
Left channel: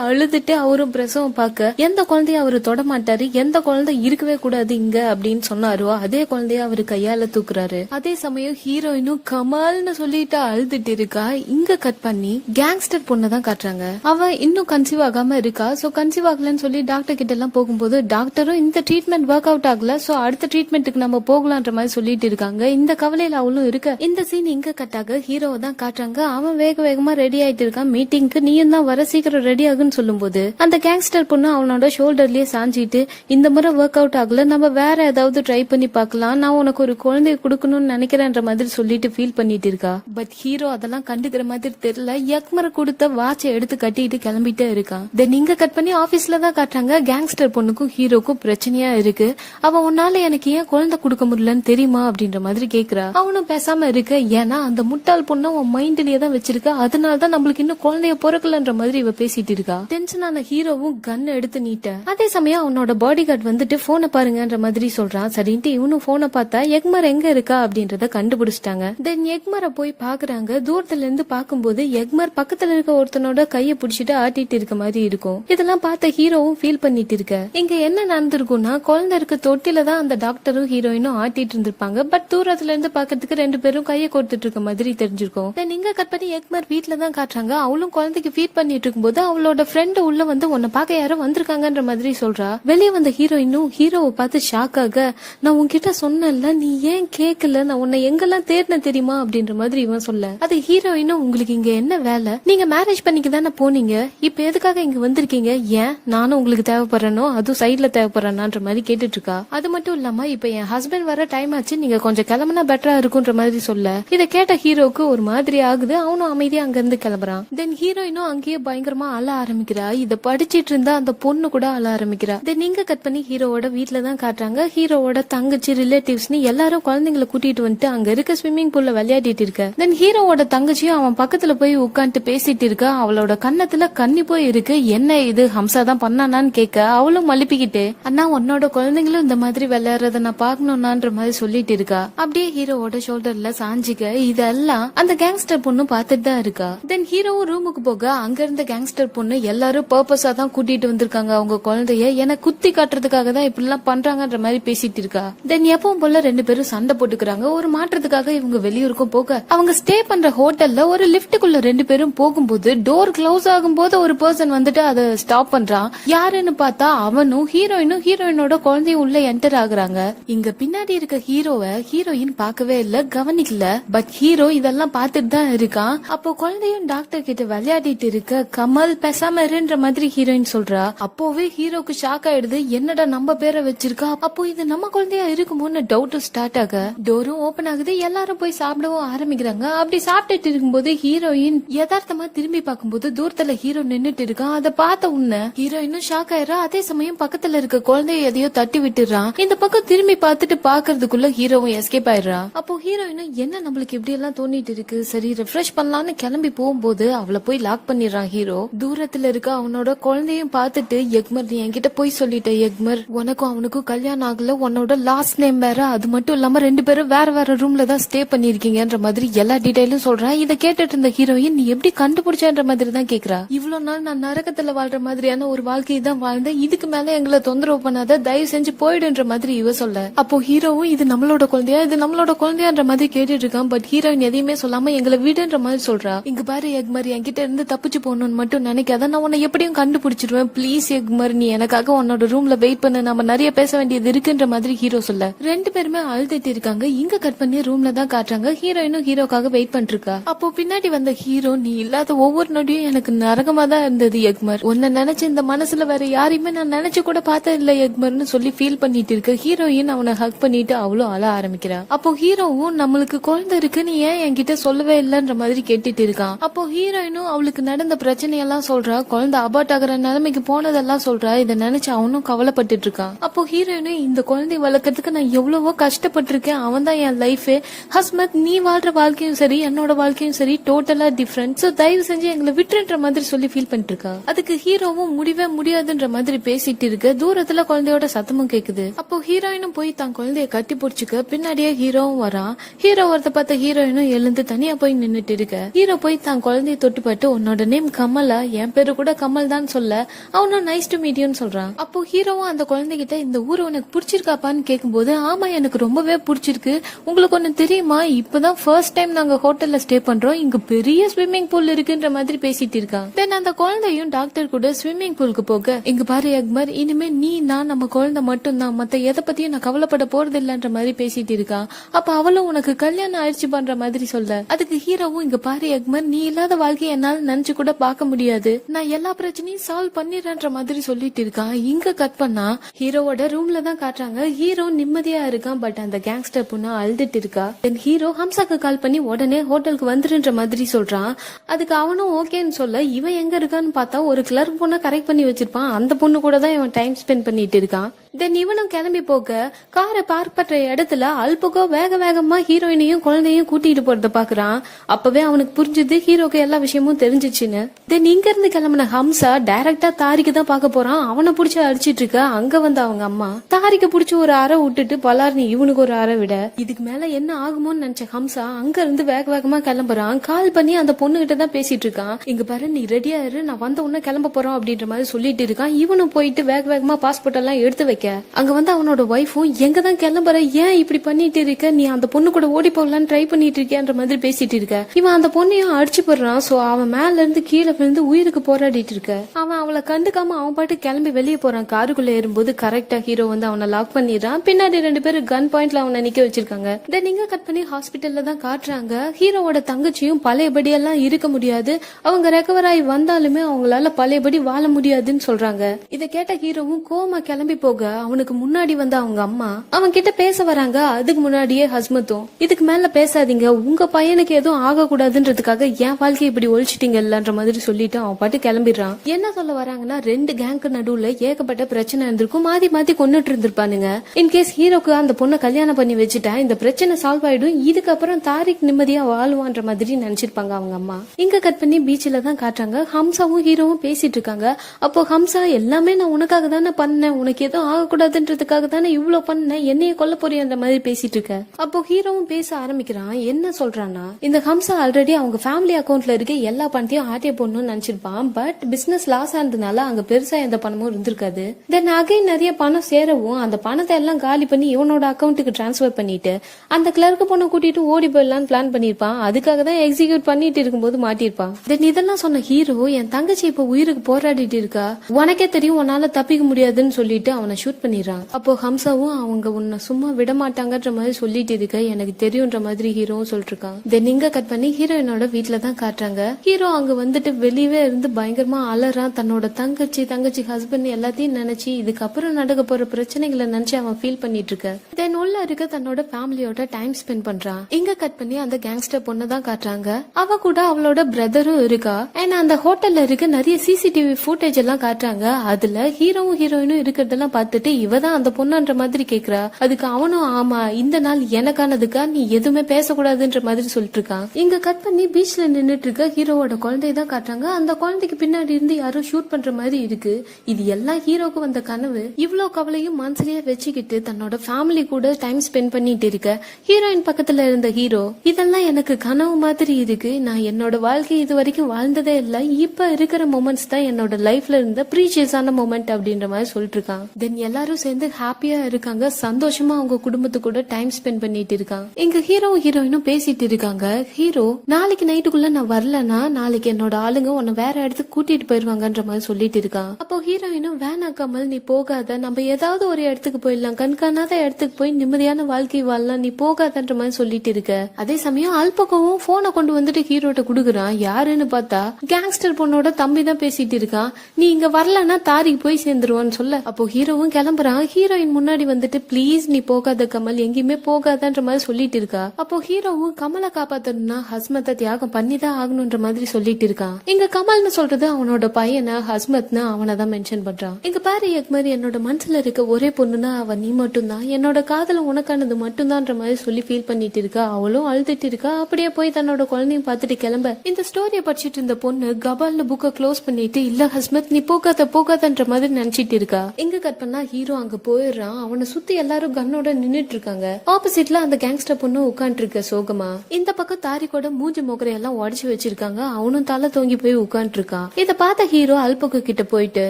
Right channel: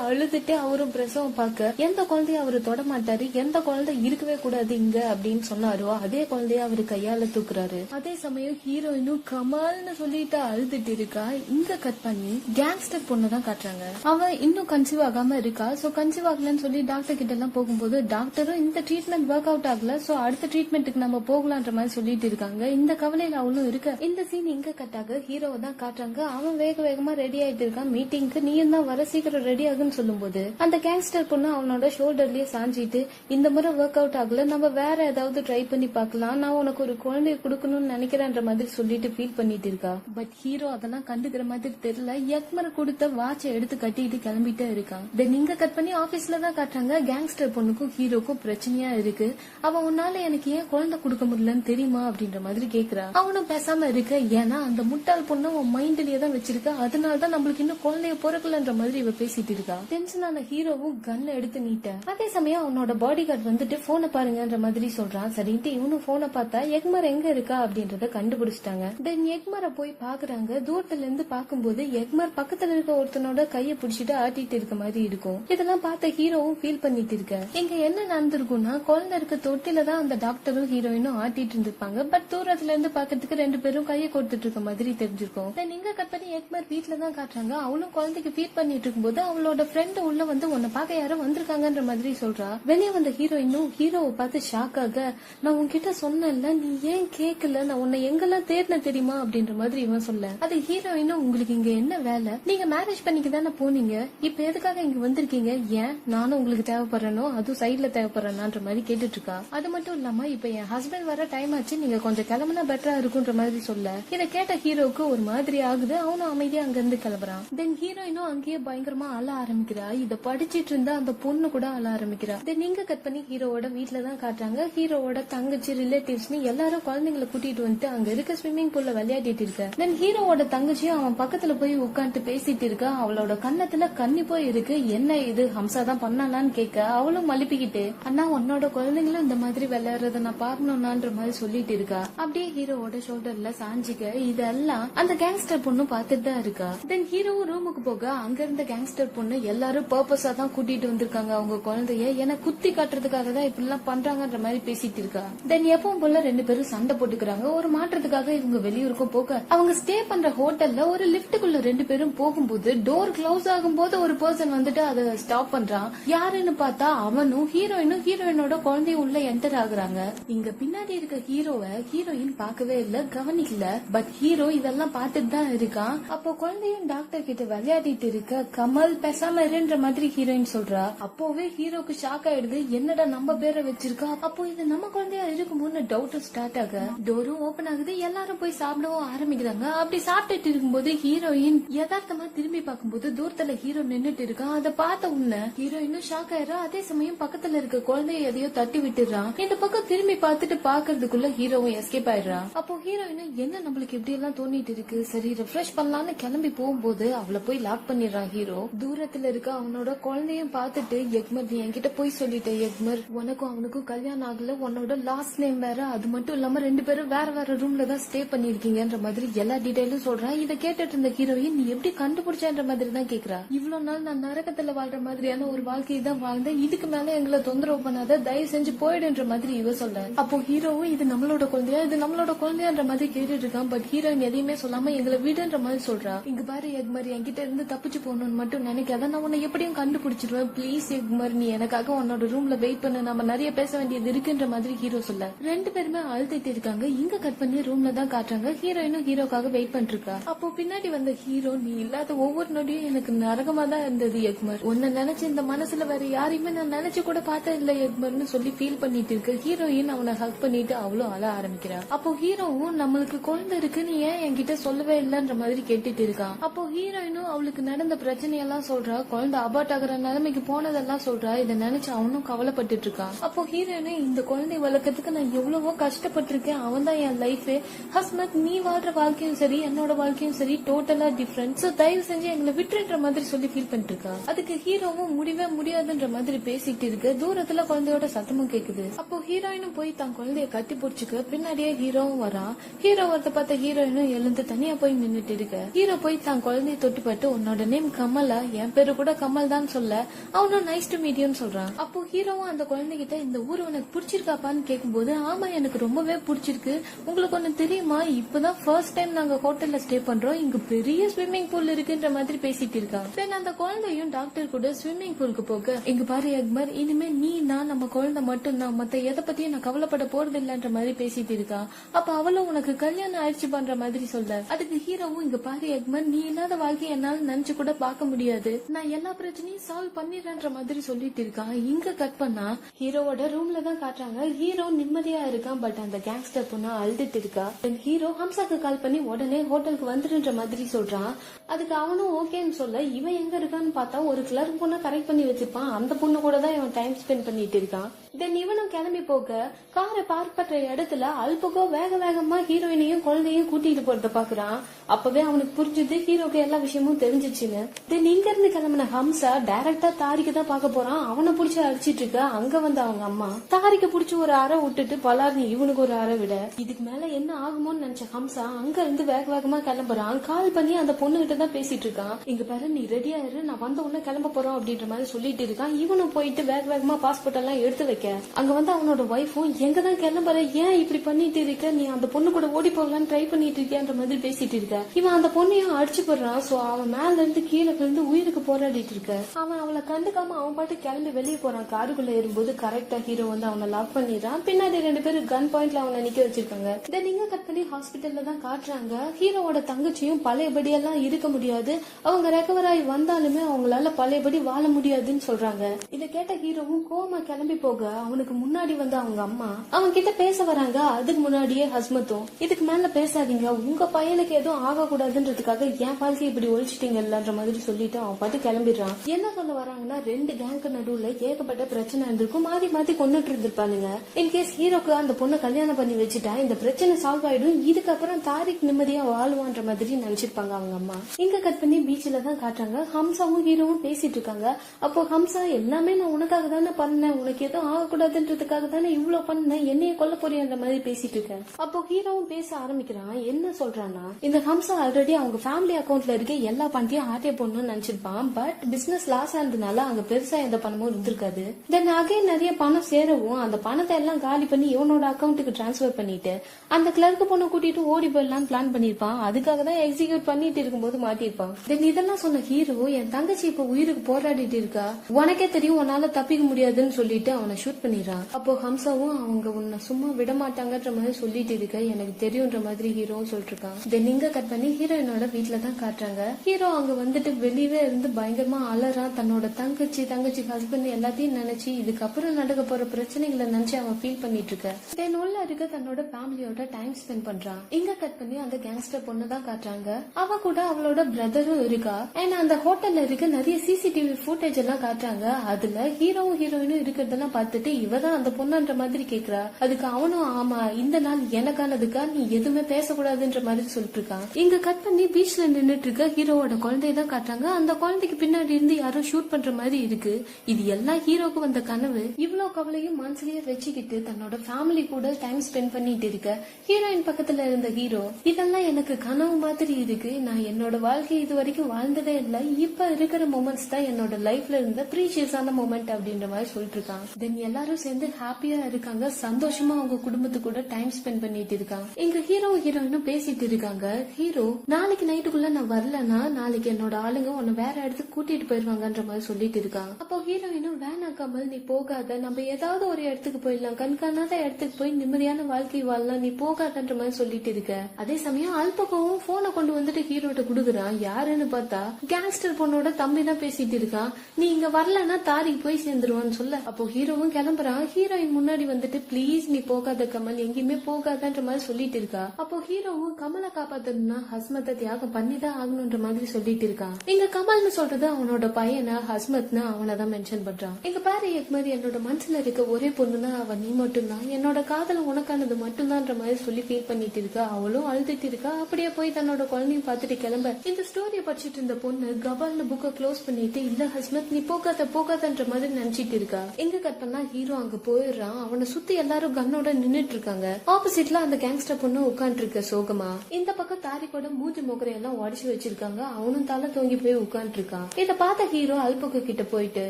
அழுதுட்டு அவரும் பிரசவம் பார்க்க எந்த குழந்தைய அவரு தொட மாட்டாரு, எந்த குழந்தை இருக்கவே கூடாது இங்க அப்படின்னு சொன்னாரோ அதே குழந்தைய அவரு கையால தூக்குறாரு. அதே சமயம் ஹீரோயினும் கமால்னு சொல்லிட்டு அழுதுட்டு இருக்கா. இங்க கட் பண்ணி கேங்ஸ்டர் பொண்ணதான் காட்டுறாங்க. அவ இன்னும் கன்சீவ் ஆகாம இருக்கா. சோ கன்சீவ் ஆகலன்னு சொல்லி டாக்டர் கிட்ட எல்லாம் போகும்போது டாக்டரும் இந்த ட்ரீட்மெண்ட் ஒர்க் அவுட் ஆகல, சோ அடுத்த ட்ரீட்மெண்ட்டுக்கு நம்ம போகலான்ற மாதிரி சொல்லிட்டு இருக்காங்க. இந்த கவலையில அவளும் இருக்க இந்த சீன் இங்க கட்டாக ஹீரோவை தான் காட்டுறாங்க. அவன் வேக வேகமா ரெடி ஆயிட்டு இருக்கான். மீட்டிங்க்கு நீயும் தான் வர, சீக்கிரம் ரெடி ஆகுன்னு சொல்லும் போது அந்த கேங்ஸ்டர் பொண்ணு அவனோட ஷோல்டர்லயே சாஞ்சிட்டு இந்த முறை ஒர்க் அவுட் ஆகல, நம்ம வேற ஏதாவது ட்ரை பண்ணி பார்க்கலாம், நான் உனக்கு ஒரு குழந்தைய கொடுக்கணும்னு நினைக்கிறேன்ற மாதிரி சொல்லிட்டு ஃபீல் பண்ணிட்டு இருக்கா. பட் ஹீரோ அதெல்லாம் கண்டுக்கிற மாதிரி தெரியல. எக்மர் கொடுத்த வாட்சை எடுத்து கட்டிட்டு கிளம்பிட்டே இருக்கான். தென் இங்க கட் பண்ணி ஆபீஸ்ல தான் காட்டுறாங்க. கேங்ஸ்டர் பொண்ணுக்கும் ஹீரோக்கும் பிரச்சனையா இருக்கு. அவன் உன்னால எனக்கு ஏன் குழந்தை கொடுக்க முடியலன்னு தெரியுமா அப்படின்ற மாதிரி கேக்குறா. அவனும் பேசாம இருக்க, ஏன்னா அந்த முட்டாள் பொண்ணு உன் மைண்ட்லயே தான் வச்சிருக்க, அதனாலதான் நம்மளுக்கு இன்னும் குழந்தைய பொறக்கலன்ற மாதிரி இவ பேசிட்டு இருக்கா. டென்ஷனான ஹீரோவும் கன் எடுத்து நீட்ட, அதே சமயம் அவனோட பாடி கார்டு வந்துட்டு போனை பாருங்கன்ற மாதிரி சொல்றான். சரின்ட்டு இவனும் போனை பார்த்தா எக்மர் எங்க இருக்கா அப்படின்றத கண்டுபிடிச்சிட்டாங்க. தென் எக்மரை போய் பாக்குறாங்க. தூரத்துல இருந்து பாக்கும்போது எக்மர் பக்கத்துல இருக்க ஒருத்தனோட கைய புடிச்சிட்டு ஆட்டிட்டு இருக்க மாதிரி இருக்கும். இதெல்லாம் பார்த்த ஹீரோவும் ஃபீல் பண்ணிட்டு இருக்க. இங்க என்ன நடந்திருக்கும்னா, குழந்தை இருக்க தொட்டில தான் அந்த டாக்டரும் ஹீரோயினும் ஆட்டிட்டு இருந்திருப்பாங்க. பட் தூரத்துல இருந்து பாக்கிறதுக்கு ரெண்டு பேரும் கையை கொடுத்துட்டு இருக்க மாதிரி தெரிஞ்சிருக்கும். நீங்க கட் பண்ணி எக்மர் வீட்டுல தான் காட்டுறாங்க. அவளும் குழந்தைக்கு ஃபீட் பண்ணிட்டு இருக்கும்போது அவளோட ஃப்ரெண்ட் உள்ள வந்து உன்னை பார்க்க யாரும் வந்திருக்காங்கன்ற மாதிரி சொல்றா. வெளியே வந்த ஹீரோயினும் ஹீரோவை பார்த்து ஷாக் ஆக, நான் உன்கிட்ட சொன்னேன்ல, நீ ஏன் கேக்கல, நான் உன்னை எங்கெல்லாம் தேடின தெரியுமா அப்படின்ற மாதிரி இவன் சொல்ல, அது ஹீரோயினும் உங்களுக்கு இங்க என்ன வேலை, நீங்க மேரேஜ் பண்ணிக்க தானே போனீங்க, இப்ப எதுக்காக இங்க வந்திருக்கீங்க, ஏன் நானும் உங்களுக்கு தேவைப்படுறனோ, அதுவும் சைட்ல தேவைப்படுறேன்ற மாதிரி கேட்டுட்டு இருக்கா. அது மட்டும் இல்லாம இப்ப என் ஹஸ்பண்ட் வர டைம் ஆச்சு, நீங்க கொஞ்சம் கிளம்புனா பெட்டரா இருக்குன்ற மாதிரி சொல்ல, இதை கேட்ட ஹீரோக்கு ஒரு மாதிரி ஆகுது. அவனும் அமைதியா அங்க இருந்து கிளம்புறான். தென் ஹீரோயினும் அங்கேயே பயங்கரமா அழ ஆரம்பிக்கிறா. இத படிச்சிட்டு இருந்தா அந்த பொண்ணு கூட அழ ஆரம்பிக்கிறா. தென் நீங்க கட் பண்ணி ஹீரோவோட வீட்டுல தான் காட்டுறாங்க. ஹீரோவோட தங்கச்சி, ரிலேட்டிவ்ஸ்னு எல்லாரும் குழந்தைங்களை கூட்டிட்டு வந்துட்டு அங்க இருக்க ஸ்விம்மிங் பூல்ல விளையாடிட்டு இருக்க. தென் ஹீரோவோட தங்கச்சியும் அவன் பக்கத்துல போய் உட்காந்துட்டு பேசிட்டு இருக்கா. அவளோட கன்னத்துல கண்ணி போய் இருக்கு. என்ன இது ஹம்சா தான் பண்ணானான்னு கேட்க, அவளும் மலிப்பிக்கிட்டு, அண்ணா உன்னோட குழந்தைங்களும் இந்த மாதிரி விளையாடுறத நான் பாக்கணும்னான்ற மாதிரி சொல்லிட்டு இருக்கா. அப்படியே ஹீரோவோட ஷோல்டர்ல சாஞ்சிக்க இதெல்லாம் அந்த கேங்ஸ்டர் பொண்ணு பாத்துட்டு தான் இருக்கா. தென் ஹீரோவும் ரூமுக்கு போக அங்க இருந்த கேங்ஸ்டர் பொண்ணு எல்லாரும் பர்பஸா தான் கூட்டிட்டு வந்திருக்காங்க அவங்க குழந்தைய, என குத்தி காட்டுறதுக்காக தான் இப்படி எல்லாம் பண்றாங்கன்ற மாதிரி பேசிட்டு இருக்கா. தென் எப்பவும் போல ரெண்டு பேரும் சண்டை போட்டுக்கிறாங்க. ஒரு மாற்றத்துக்காக இவங்க வெளியூருக்கும் போக அவங்க ஸ்டே பண்ற ஹோட்டல்ல ஒரு லிப்டுக்குள்ள ரெண்டு பேரும் போகும்போது டோர் க்ளோஸ் ஆகும் போது ஒரு பர்சன் வந்துட்டு அதை ஸ்டாப் பண்றான். யாருன்னு பார்த்தா அவனும் ஹீரோயினோட குழந்தையும் உள்ள என்டர் ஆகுறாங்க. இங்க பின்னாடி இருக்க ஹீரோவை ஹீரோயின் பார்க்கவே இல்ல, கவனிக்கல. பட் ஹீரோ இதெல்லாம் பார்த்துட்டு தான் இருக்கான். அப்போ குழந்தையும் டாக்டர் கிட்ட விளையாடிட்டு இருக்க, கமல் பேசாம இருன்ற மாதிரி ஹீரோயின் சொல்றா. அப்போவே ஹீரோக்கு ஷாக் ஆயிடுது, என்னடா நம்ம பேரை வச்சிருக்கா, அப்போ இது நம்ம குழந்தையா இருக்குமோன்னு டவுட் ஸ்டார்ட் ஆக டோரும் ஓபன் ஆகுது. எல்லாரும் போய் சாப்பிடவும் ஆரம்பிக்கிறாங்க. அப்படி சாப்பிட்டுட்டு இருக்கும்போது ஹீரோயின் யதார்த்தமா திரும்பி பார்க்கும்போது தூரத்துல ஹீரோ நின்னுட்டு இருக்கான். அதை பார்த்த உடனே ஹீரோயினும் ஷாக் ஆயிரா. அதே சமயம் பக்கத்துல இருக்க குழந்தைய எதையோ தட்டி விட்டுறான். இந்த பக்கம் திரும்பி பார்த்துட்டு பாக்குறதுக்குள்ள ஹீரோவும் எஸ்கேப் ஆயிடுறா. அப்போ ஹீரோயினும் என்ன நம்மளுக்கு இப்படி எல்லாம் தோணிட்டு இருக்கு, சரி ரெஃப்ரெஷ் பண்ணலாம்னு கிளம்பி போகும்போது அவளை போய் லாக் பண்ணிடுறான் ஹீரோ. தூரத்துல இருக்க அவனோட குழந்தையும் பார்த்துட்டு, எக்மர் நீ என்கிட்ட போய் சொல்லிட்ட எக்மர், உனக்கும் அவனுக்கும் கல்யாணம் ஆகல, உன்னோட லாஸ்ட் நேம் வேற, அது மட்டும் இல்லாம ரெண்டு பேரும் வேற வேற ரூம்ல தான் ஸ்டே பண்ணிருக்கீங்கன்ற மாதிரி எல்லா டீடைலும் சொல்றான். இதை கேட்டுட்டு இருந்த ஹீரோயின் நீ எப்படி கண்டுபிடிச்சன்ற மாதிரி தான் கேக்குறா. இவ்வளவு நாள் நான் நரகத்துல வாழ்ற மாதிரியான ஒரு வாழ்க்கையை தான் வாழ்ந்தேன், இதுக்கு மேல எங்களை தொந்தரவு பண்ணாத, தயவு செஞ்சு போயிடுன்ற மாதிரி இவ சொல்ல, அப்போ ஹீரோவும் இது நம்மளோட குழந்தையா, இது நம்மளோட குழந்தையான்ற மாதிரி கேட்டுட்டு இருக்கான். பட் ஹீரோயின் எதையுமே சொல்லாம எங்களை வீடுன்ற மாதிரி சொல்றா. இங்க பாரு எக்மர், என்கிட்ட இருந்து தப்பிச்சு போகணும்னு மட்டும் நினைக்காத, நான் உன்னை எப்படியும் கண்டுபிடிச்சிருவேன், பிளீஸ் எக்மர் நீ எனக்காக உன்னோட ரூம்ல வெயிட் பண்ண, நம்ம நிறைய பேச வேண்டியது இருக்குன்ற மாதிரி ஹீரோ சொல்ல, ரெண்டு பேருமே அழுதுட்டு இருக்காங்க. இங்க கட் பண்ணி ரூம்ல தான் காட்டுறாங்க. ஹீரோயினும் ஹீரோக்காக வெயிட் பண்ணிருக்கா. அப்போ பின்னாடி வந்த ஹீரோ, நீ இல்லாத ஒவ்வொரு நொடியும் எனக்கு நரகமா தான் இருந்தது எக்மர், உன்னை நினைச்சு இந்த மனசுல வேற யாரையுமே நான் நினைச்சு கூட பார்த்தது இல்ல எக்மர்னு சொல்லி ஃபீல் பண்ணிட்டு இருக்க. ஹீரோயின் அவனை ஹக் பண்ணிட்டு அவ்வளவு அழ ஆரம்பிக்கிறா. அப்போ ஹீரோவும் நம்மளுக்கு குழந்தை இருக்கு, நீ ஏன் என்கிட்ட சொல்லவே இல்லன்ற மாதிரி கேட்டுட்டு இருக்கான். அப்போ ஹீரோயினும் அவளுக்கு நடந்த பிரச்சனையெல்லாம் சொல்றா. குழந்தை அபார்ட் ஆகிற நிலைமைக்கு போனதெல்லாம் சொல்றா. இதை நினைச்சு அவனும் கவலைப்பட்டு இருக்கான். அப்போ ஹீரோயினும் இந்த குழந்தை வளர்க்கறதுக்கு நான் எவ்வளவோ கஷ்டப்பட்டிருக்கேன், அவன் தான் என் லைஃப், ஹஸ்மத் நீ வாழ்ற வாழ்க்கையும் சரி என்னோட வாழ்க்கையும் சரி டோட்டலா டிஃபரெண்ட், சோ தயவு செஞ்சு எங்களை விட்டுன்ற மாதிரி சொல்லி ஃபீல் பண்ணிட்டு இருக்கா. அதுக்கு ஹீரோவும் முடிவே முடியாதுன்ற மாதிரி பேசிட்டு இருக்கு. தூரத்துல குழந்தையோட சத்தமும் கேக்குது. அப்போ ஹீரோயினும் போய் தான் குழந்தைய கட்டி பிடிச்சுக்க, பின்னாடியே ஹீரோவும் வரான். ஹீரோ ஒருத்த பார்த்த ஹீரோயினும் எழுந்து தனியா போய் நின்னுட்டு இருக்க. ஹீரோ போய் தான் குழந்தைய தொட்டுப்பட்டு, உன்னோட நேம் கமலா, என் பேரு கூட கமல் தான் சொல்ல, அவனும் நைஸ் டு மீட் யூன்னு சொல்றான். அப்போ ஹீரோவும் அந்த குழந்தைகிட்ட இந்த ஊரு உனக்கு பிடிச்சிருக்காப்பான்னு கேட்கும்போது, ஆமா எனக்கு ரொம்பவே பிடிச்சிருக்கு, உங்களுக்கு ஒண்ணு தெரியுமா, இப்பதான் ஃபர்ஸ்ட் டைம் நாங்க ஹோட்டல்ல ஸ்டே பண்றோம், இங்க பெரிய ஸ்விம்மிங் பூல் இருக்குன்ற மாதிரி பேசிட்டு இருக்கான். தென் அந்த குழந்தையும் டாக்டர் கூட ஸ்விம்மிங் பூலுக்கு போக, இங்க பாரு அக்பர், இனிமே நீ நான் நம்ம குழந்தை மட்டும் தான், மத்த எதை பத்தியும் நான் கவலைப்பட போறது இல்லன்ற மாதிரி பேசிட்டு இருக்கா. அப்ப அவளும் உனக்கு கல்யாணம் ஆயிடுச்சு பண்ற மாதிரி சொல்ல, அதுக்கு ஹீரோவும் இங்க பாரு அக்பர், நீ இல்லாத வாழ்க்கையை என்னால நினைச்சு கூட பார்க்க முடியாது, நான் எல்லா பிரச்சனையும் சால்வ் பண்ணிடுறேன்ற மாதிரி சொல்லிட்டு இருக்கா. இங்க கட் பண்ணா ஹீரோவோட ரூம்ல தான் காட்டுறாங்க. ஹீரோ நிம்மதியா இருக்கான், பட் அந்த கேங்ஸ்டர் பொண்ணா அழுதுட்டு இருக்கா. தென் ஹீரோ ஹம்சாக்கு கால் பண்ணி உடனே ஹோட்டலுக்கு வந்துருன்ற மாதிரி சொல்றான். அதுக்கு அவனும் ஓகேன்னு சொல்ல, இவன் எங்க இருக்கான்னு பார்த்தா ஒரு கிளர்க் பொண்ணை கரெக்ட் பண்ணி வச்சிருப்பான். அந்த பொண்ணு கூட தான் இவன் டைம் ஸ்பெண்ட் பண்ணிட்டு இருக்கான். தென் இவனும் கிளம்பி போக காரை பார்க் பண்ற இடத்துல அல்பகோ வேக வேகமா ஹீரோயினையும் குழந்தையும் கூட்டிட்டு போறத பாக்குறான். அப்பவே அவனுக்கு புரிஞ்சுது ஹீரோக்கு எல்லா விஷயமும் தெரிஞ்சிச்சுன்னு. தென் இங்க இருந்து கிளம்பின ஹம்சா டைரக்டா தாரிக்கு தான் பாக்க போறான். அவனை புடிச்சு அடிச்சிட்டு இருக்க. அங்க வந்து அவங்க அம்மா தாரிக்க புடிச்சு ஒரு அறை விட்டுட்டு பலார்னு இவனுக்கு ஒரு அறை விட, இதுக்கு மேல என்ன ஆகுமோன்னு நினைச்ச ஹம்சா அங்க இருந்து வேக வேகமா கிளம்புறான். கால் பண்ணி அந்த பொண்ணு கிட்ட தான் பேசிட்டு இருக்கான். இங்க பாரு, நீ ரெடியா இரு, நான் வந்த உடனே கிளம்ப போறோம் அப்படின்ற மாதிரி சொல்லிட்டு இருக்கான். இவனும் போயிட்டு வேக வேகமா பாஸ்போர்ட் எல்லாம் எடுத்து வைக்க, அங்க வந்து அவனோட ஒய்ஃபும் எங்கதான் கிளம்புற, ஏன் இப்படி பண்ணிட்டு இருக்க, நீ அந்த பொண்ணு கூட ஓடி போகலான்னு ட்ரை பண்ணிட்டு இருக்கேன்ற மாதிரி பேசிட்டு இருக்க. இவன் அந்த பொண்ணையும் அடிச்சு போடுறான். சோ அவன் மேல இருந்து கீழே விழுந்து உயிருக்கு போராடிட்டு இருக்க. அவன் அவளை கண்டுக்காம அவன் பாட்டு கிளம்பி வெளியே போறான். காருக்குள்ள ஏறும்போது கரெக்டா ஹீரோ வந்து அவனை லாக் பண்ணிடுறான். பின்னாடி 2 பேரும் கன் பாயிண்ட்ல அவனை நிக்க வச்சிருக்காங்க. தென் இங்க கட் பண்ணி ஹாஸ்பிட்டல்ல தான் காட்டுறாங்க. ஹீரோவோட தங்கச்சியும் பழையபடி எல்லாம் இருக்க முடியாது, அவங்க ரெக்கவர் ஆகி வந்தாலுமே அவங்களால பழையபடி வாழ முடியாதுன்னு சொல்றாங்க. இதை கேட்ட ஹீரோவும் கோமா கிளம்பி போக, அவனுக்கு முன்னாடி வந்து அவங்க அம்மா அவன் கிட்ட பேச வராங்க. அதுக்கு முன்னாடியே ஹஸ்மத்தும், இதுக்கு மேல பேசாதீங்க, உங்க பையனுக்கு எதுவும் ஆக கூடாதுன்றதுக்காக என் வாழ்க்கை இப்படி ஒழிச்சிட்டீங்கன்ற மாதிரி சொல்லிட்டு அவன் பாட்டு கிளம்பிடுறான். என்ன சொல்ல வராங்கன்னா, 2 கேங்க்கு நடுவுல ஏகப்பட்ட பிரச்சனை இருந்திருக்கும், மாத்தி மாத்தி கொண்டுட்டு இருந்திருப்பானுங்க. இன்கேஸ் ஹீரோக்கு அந்த பொண்ணை கல்யாணம் பண்ணி வச்சுட்டா இந்த பிரச்சனை சால்வ் ஆயிடும், இதுக்கப்புறம் தாரிக் நிம்மதியா வாழ்வான்ற மாதிரி நினைச்சிருப்பாங்க அவங்க அம்மா. இங்க கட் பண்ணி பீச்ல தான் காட்டுறாங்க. ஹம்சாவும் ஹீரோவும் பேசிட்டு இருக்காங்க. அப்போ ஹம்சா, எல்லாமே நான் உனக்காக தானே பண்ணேன், உனக்கு எதுவும் ஆகக்கூடாதுன்றதுக்காக தானே இவ்வளவு பண்ண, என்னைய கொல்ல போறியன்ற மாதிரி பேசிட்டு இருக்க. அப்போ ஹீரோவும் பேச ஆரம்பிக்கிறான். என்ன சொல்றான்னா, இந்த ஹம்சா ஆல்ரெடி அவங்க ஃபேமிலி அக்கௌண்ட்ல இருக்க எல்லா பணத்தையும் ஆட்டிய போடணும்னு நினைச்சிருப்பான். பட் பிசினஸ் லாஸ் ஆனதுனால அங்க பெருசா எந்த பணமும் இருந்திருக்காது. தென் அகைன் நிறைய பணம் சேரவும் அந்த பணத்தை எல்லாம் காலி பண்ணி இவனோட அக்கௌண்ட்டுக்கு டிரான்ஸ்பர் பண்ணிட்டு அந்த கிளர்க்கு பொண்ணை கூட்டிட்டு ஓடி போயிடலான்னு பிளான் பண்ணிருப்பான். அதுக்காக தான் எக்ஸிக்யூட் பண்ணிட்டு இருக்கும்போது மாட்டிருப்பான். தென் இதெல்லாம் சொன்ன ஹீரோ, என் தங்கச்சி இப்ப உயிருக்கு போராடிட்டு இருக்கா, உனக்கே தெரியும் உன்னால தப்பிக்க முடியாதுன்னு சொல்லிட்டு அவனை ஷூட் பண்ணிடுறான். அப்போ ஹம்சாவும், அவங்க உன்னை சும்மா விட மாட்டாங்கன்ற மாதிரி சொல்லிட்டு இருக்க, எனக்கு தெரியும்ன்ற மாதிரி ஹீரோவும் சொல்லிட்டு இருக்கான். தென் இங்க கட் பண்ணி ஹீரோயினோட வீட்டுல தான் காட்டுறாங்க. ஹீரோ அங்க வந்துட்டு வெளியவே இருந்து பயங்கரமா அலறான். தன்னோட தங்கச்சி ஹஸ்பண்ட் எல்லாத்தையும் நினைச்சு இதுக்கப்புறம் நடக்க போற பிரச்சனைகளை நினைச்சு அவன் ஃபீல் பண்ணிட்டு இருக்க. தென் உள்ள இருக்க தன்னோட ஃபேமிலியோட டைம் ஸ்பெண்ட் பண்றான். இங்க கட் பண்ணி அந்த கேங்ஸ்டர் பொண்ணு தான் காட்டுறாங்க. அவ கூட அவளோட பிரதரும் இருக்கா. அண்ட் அந்த ஹோட்டல்ல இருக்க நிறைய சிசிடிவி ஃபுட்டேஜ் எல்லாம் காட்டுறாங்க. அதுல ஹீரோவும் ஹீரோயினும் இருக்கிறதெல்லாம் பார்த்துட்டு இவதான் அந்த பொண்ணுன்ற மாதிரி கேக்குறா. அதுக்கு அவனும், ஆமா, இந்த நாள் எனக்கானதுக்கா, நீ எதுவுமே பேசக்கூடாதுன்ற மாதிரி சொல்லிட்டு இருக்கான். இங்க கட் பண்ணி பீச்ல நின்னுட்டு இருக்க ஹீரோவோட குழந்தைய தான் காட்டுறாங்க. அந்த குழந்தைக்கு பின்னாடி இருந்து யாரோ ஷூட் பண்ற மாதிரி இருக்கு. இது எல்லாம் ஹீரோக்கு வந்த கனவு. இவ்வளவு கவலையும் மனசுலயே வச்சுக்கிட்டு தன்னோட ஃபேமிலி கூட டைம் ஸ்பெண்ட் பண்ணிட்டு இருக்க ஹீரோயின் பக்கத்துல இருந்த ஹீரோ, இதெல்லாம் எனக்கு கனவு மாதிரி இருக்கு, நான் என்னோட வாழ்க்கை இது வரைக்கும் வாழ்ந்ததே இல்ல, இப்ப இருக்கிற மொமெண்ட்ஸ் தான் என்னோட லைஃப்ல இருந்த ப்ரீஷியஸான மொமெண்ட் அப்படின்ற மாதிரி சொல்லிட்டு இருக்கான். தென் எல்லாரும் சேர்ந்து ஹாப்பியா இருக்காங்க, சந்தோஷமா அவங்க குடும்பத்து கூட டைம் ஸ்பெண்ட் பண்ணிட்டு இருக்காங்க. இங்க ஹீரோவும் ஹீரோயினும் பேசிட்டு இருக்காங்க. ஹீரோ, நாளைக்கு நைட்டுக்குள்ள நான் வரலன்னா நாளைக்கு என்னோட ஆளுங்க உன்னை வேற இடத்துக்கு கூட்டிட்டு போயிருவாங்கன்ற மாதிரி சொல்லிட்டு இருக்கான். அப்போ ஹீரோயினும், வேணா கமல், நீ போகாத, நம்ம ஏதாவது ஒரு இடத்துக்கு போயிடலாம், கண்காணாத இடத்துக்கு போய் நிம்மதியான வாழ்க்கை வாழலாம், நீ போகாதன்ற மாதிரி சொல்லிட்டு இருக்க. அதே சமயம் அல்பகவும் போனை கொண்டு வந்துட்டு ஹீரோட்ட குடுக்குறான். யாருன்னு பார்த்தா கேங்ஸ்டர் பொண்ணோட தம்பி தான் பேசிட்டு இருக்கான். நீ இங்க வரலன்னா தாரிக்கு போய் சேர்ந்துருவான்னு சொல்ல, அப்போ ஹீரோவும் கிளம்புறான். ஹீரோயின் முன்னாடி வந்துட்டு, ப்ளீஸ் நீ போகாத கமல், எங்கேயுமே போகாதன்ற மாதிரி சொல்லிட்டு இருக்கா. அப்போ ஹீரோவும் கமலை காப்பாத்தணும்னா ஹஸ்மத்தை தியாகம் பண்ணிதான் ஆகணும்ன்ற மாதிரி சொல்லிட்டு இருக்கான். இங்க கமல்னு சொல்றது அவனோட பையனை, ஹஸ்மத்னு அவனை தான் மென்ஷன் பண்றான். இங்க பாரு அக்மர், என்னோட மனசுல இருக்க ஒரே பொண்ணுனா அவ நீ மட்டும்தான், என்னோட காதல உனக்கானது மட்டும்தான்ற மாதிரி சொல்லி ஃபீல் பண்ணிட்டு இருக்கா. அவளும் அழுதுட்டு இருக்கா. அப்படியே போய் தன்னோட குழந்தையும் பார்த்துட்டு கிளம்ப, இந்த ஸ்டோரிய படிச்சுட்டு இருந்த பொண்ணு கபால்னு புக்க க்ளோஸ் பண்ணிட்டு, இல்ல ஹஸ்மத் நீ போகாதன்ற மாதிரி நினைச்சிட்டு இருக்கா. இங்க கட் பண்ணா ஹீரோ அங்க போயிடுறான். அவனை சுத்தி எல்லாரும் கன்னோட நின்னுட்டு இருக்காங்க. ஆப்போசிட்ல அந்த கேங்ஸ்டர் பொண்ணு உட்கார்ந்து இருக்க சோகமா. இந்த பக்கம் தாரிக்கோட மூஞ்சி மொகரையெல்லாம் உடச்சு வச்சிருக்காங்க. அவனும் தலை தொங்கி போய் உட்கார்ந்து இருக்கான். இத பார்த்த ஹீரோ அல்பக்கு கிட்ட போயிட்டு,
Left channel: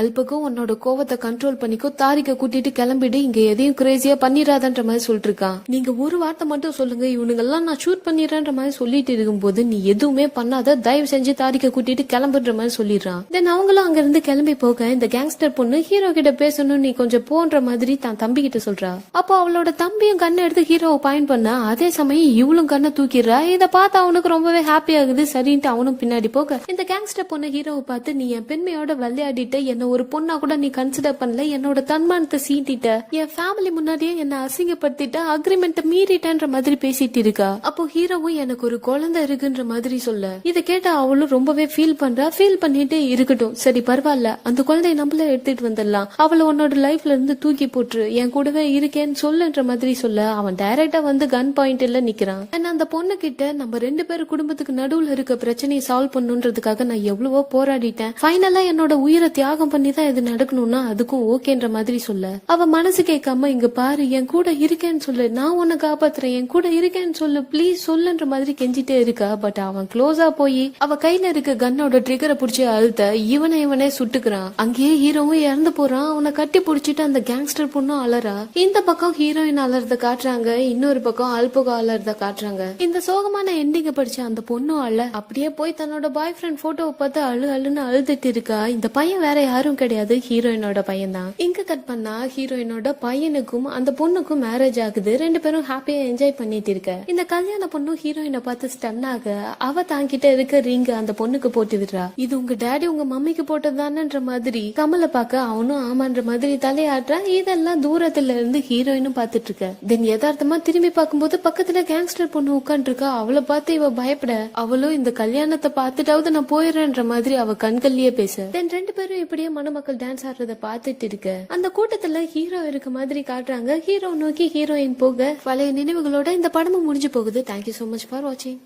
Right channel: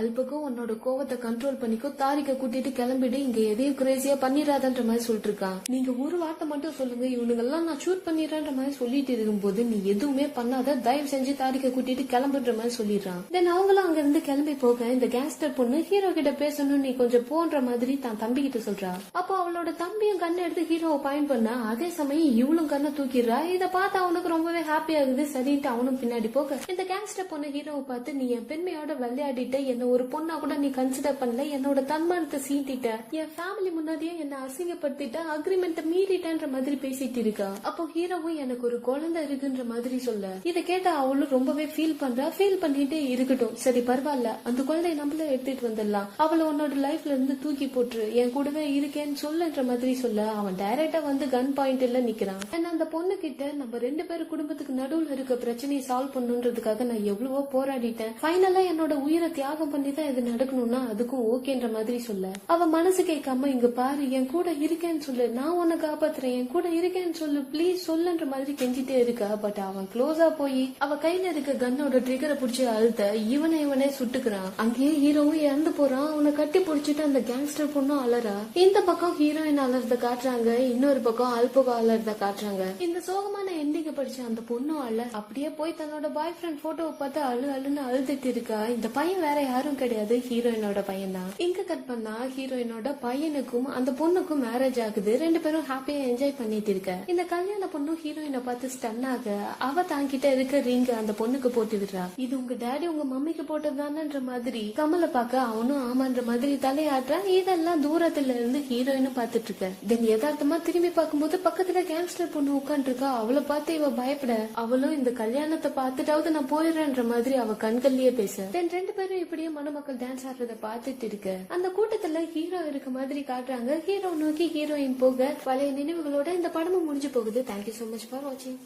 அல்பக்கு உன்னோட கோவத்தை கண்ட்ரோல் பண்ணிக்கோ, தாரிக்க கூட்டிட்டு கிளம்பிடு, இங்க எதையும் கிரேசியா பண்ணிடாதன்ற மாதிரி சொல்லிட்டு இருக்கான். நீங்க ஒரு வார்த்தை மட்டும் சொல்லுங்க, இவனுங்க எல்லாம் நான் ஷூட் பண்ணிடுறேன்ற மாதிரி சொல்லிட்டு இருக்கும்போது நீ எதுவுமே பண்ணாத, தயவு செஞ்சு தாரிக்க கூட்டிட்டு கிளம்புன்ற மாதிரி சொல்லிடுறான். தென் அவங்களும் அங்க இருந்து கிளம்பி போக இந்த கேங்ஸ்டர் பொண்ணு ஹீரோ கிட்ட பேசணும், நீ கொஞ்சம் போன்ற மாதிரி தான் தம்பி கிட்ட சொல்றா. அப்போ அவளோட தம்பியும் கண்ணை எடுத்து ஹீரோவை பாயிண்ட் பண்ண, அதே சமயம் இவளும் கண்ணை தூக்கிடுறா. இதை பார்த்து அவனுக்கு ரொம்பவே ஹாப்பி ஆகுது. சரின்ட்டு அவனும் பின்னாடி போக இந்த கேங்ஸ்டர் பொண்ணு ஹீரோவை பார்த்து, நீ என் பெண்மையோட விளையாடிட்ட, என்ன ஒரு பொண்ணா கூட நீ கன்சிடர் பண்ணல, என்னோட தன்மானத்தை சீண்டிட்ட, என் ஃபேமிலி முன்னாடியே என்ன அசிங்கப்படுத்திட்ட, அக்ரிமெண்ட் மீறிட்டன்ற மாதிரி பேசிட்டு இருக்கா. அப்போ ஹீரோவும் எனக்கு ஒரு குழந்தை இருக்குன்ற மாதிரி சொல்ல, இதை கேட்ட அவளும் ரொம்பவே ஃபீல் பண்றா. ஃபீல் பண்ணிட்டு இருக்கட்டும் சரி பரவாயில்ல, அந்த குழந்தைய நம்மள எடுத்துட்டு வந்துடலாம், அவளை உன்னோட லைஃப்ல இருந்து தூக்கி போட்டுரு, என் கூடவே இருக்கேன்னு சொல்லுன்ற மாதிரி சொல்ல, அவன் டைரக்டா வந்து கன் பாயிண்ட்ல நிக்கிறான். அந்த பொண்ணு கிட்ட நம்ம 2 பேர் குடும்பத்துக்கு நடுவுல இருக்க பிரச்சனையை சால்வ் பண்ணுன்றதுக்காக நான் எவ்வளவோ போராடிட்டேன், ஃபைனலா என்னோட உயிரை தியாகம் பண்ணி தான் இது நடக்கணும்னா அதுக்கும் ஓகேன்ற மாதிரி சொல்ல, அவ மனசு கேட்காம, இங்க பாரு என் கூட இருக்கேன்னு சொல்லு, நான் உன்னை காப்பாத்துறேன், என் கூட இருக்கேன்னு சொல்லு, பிளீஸ் சொல்லுன்ற மாதிரி கெஞ்சிட்டே இருக்கா. பட் அவன் க்ளோஸா போய் அவ கையில இருக்க கன்னோட ட்ரிகரை புடிச்சு அழுத்த இவனே சுட்டுக்கிறான். அங்கேயே ஹீரோவும் இறந்து போறான். அவனை கட்டி புடிச்சிட்டு அந்த கேங்ஸ்டர் பொண்ணும் அலறா. இந்த பக்கம் ஹீரோயின் அலறத காட்டுறாங்க, இன்னொரு பக்கம் அல்பகோ அலறத காட்டுறாங்க. இந்த சோகமான எண்டிங்க படிச்ச அந்த பொண்ணும் அப்படியே போய் தன்னோட பாய் ஃப்ரெண்ட் போட்டோவை பார்த்து அழுன்னு அழுதுட்டு இருக்கா. இந்த பையன் வேற யாரும் கிடையாது, ஹீரோயினோட பையன் தான். இங்க கட் பண்ணா ஹீரோயினோட பையனுக்கும் அந்த பொண்ணுக்கும் மேரேஜ் ஆகுது. 2 பேரும் ஹாப்பியா என்ஜாய் பண்ணிட்டு இருக்க. இந்த கல்யாண பொண்ணும் ஹீரோயினை பார்த்து ஸ்டன் ஆக, அவ தாங்கிட்ட இருக்க ரிங் அந்த பொண்ணுக்கு போட்டு விடுறா. இது உங்க டேடி உங்க மம்மிக்கு போட்டதுதானன்ற மாதிரி கமலை பார்க்க அவனும் ஆமான்ற மாதிரி தலையாடுறா. இதெல்லாம் தூரத்துல இருந்து ஹீரோயினும் பாத்துட்டு இருக்க. தென் யதார்த்தமா திரும்பி பார்க்கும்போது பக்கத்துல கேங்ஸ்டர் பொண்ணு உட்காந்து இருக்கா. அவளை பார்த்து இவ பயப்பட, அவளும் இந்த கல்யாணத்தை பார்த்துட்டாவது நான் போயிடுறேன்ற மாதிரி அவ கண்கள்லயே பேச. தென் 2 பேரும் இப்படியே மணமக்கள் டான்ஸ் ஆடுறத பாத்துட்டு இருக்க. அந்த கூட்டத்துல ஹீரோ இருக்க மாதிரி காட்டுறாங்க. ஹீரோ நோக்கி ஹீரோயின் போக பழைய நினைவுகளோட இந்த படமும் முடிஞ்சு போகுது. தேங்க்யூ சோ மச் ஃபார் வாட்சிங்.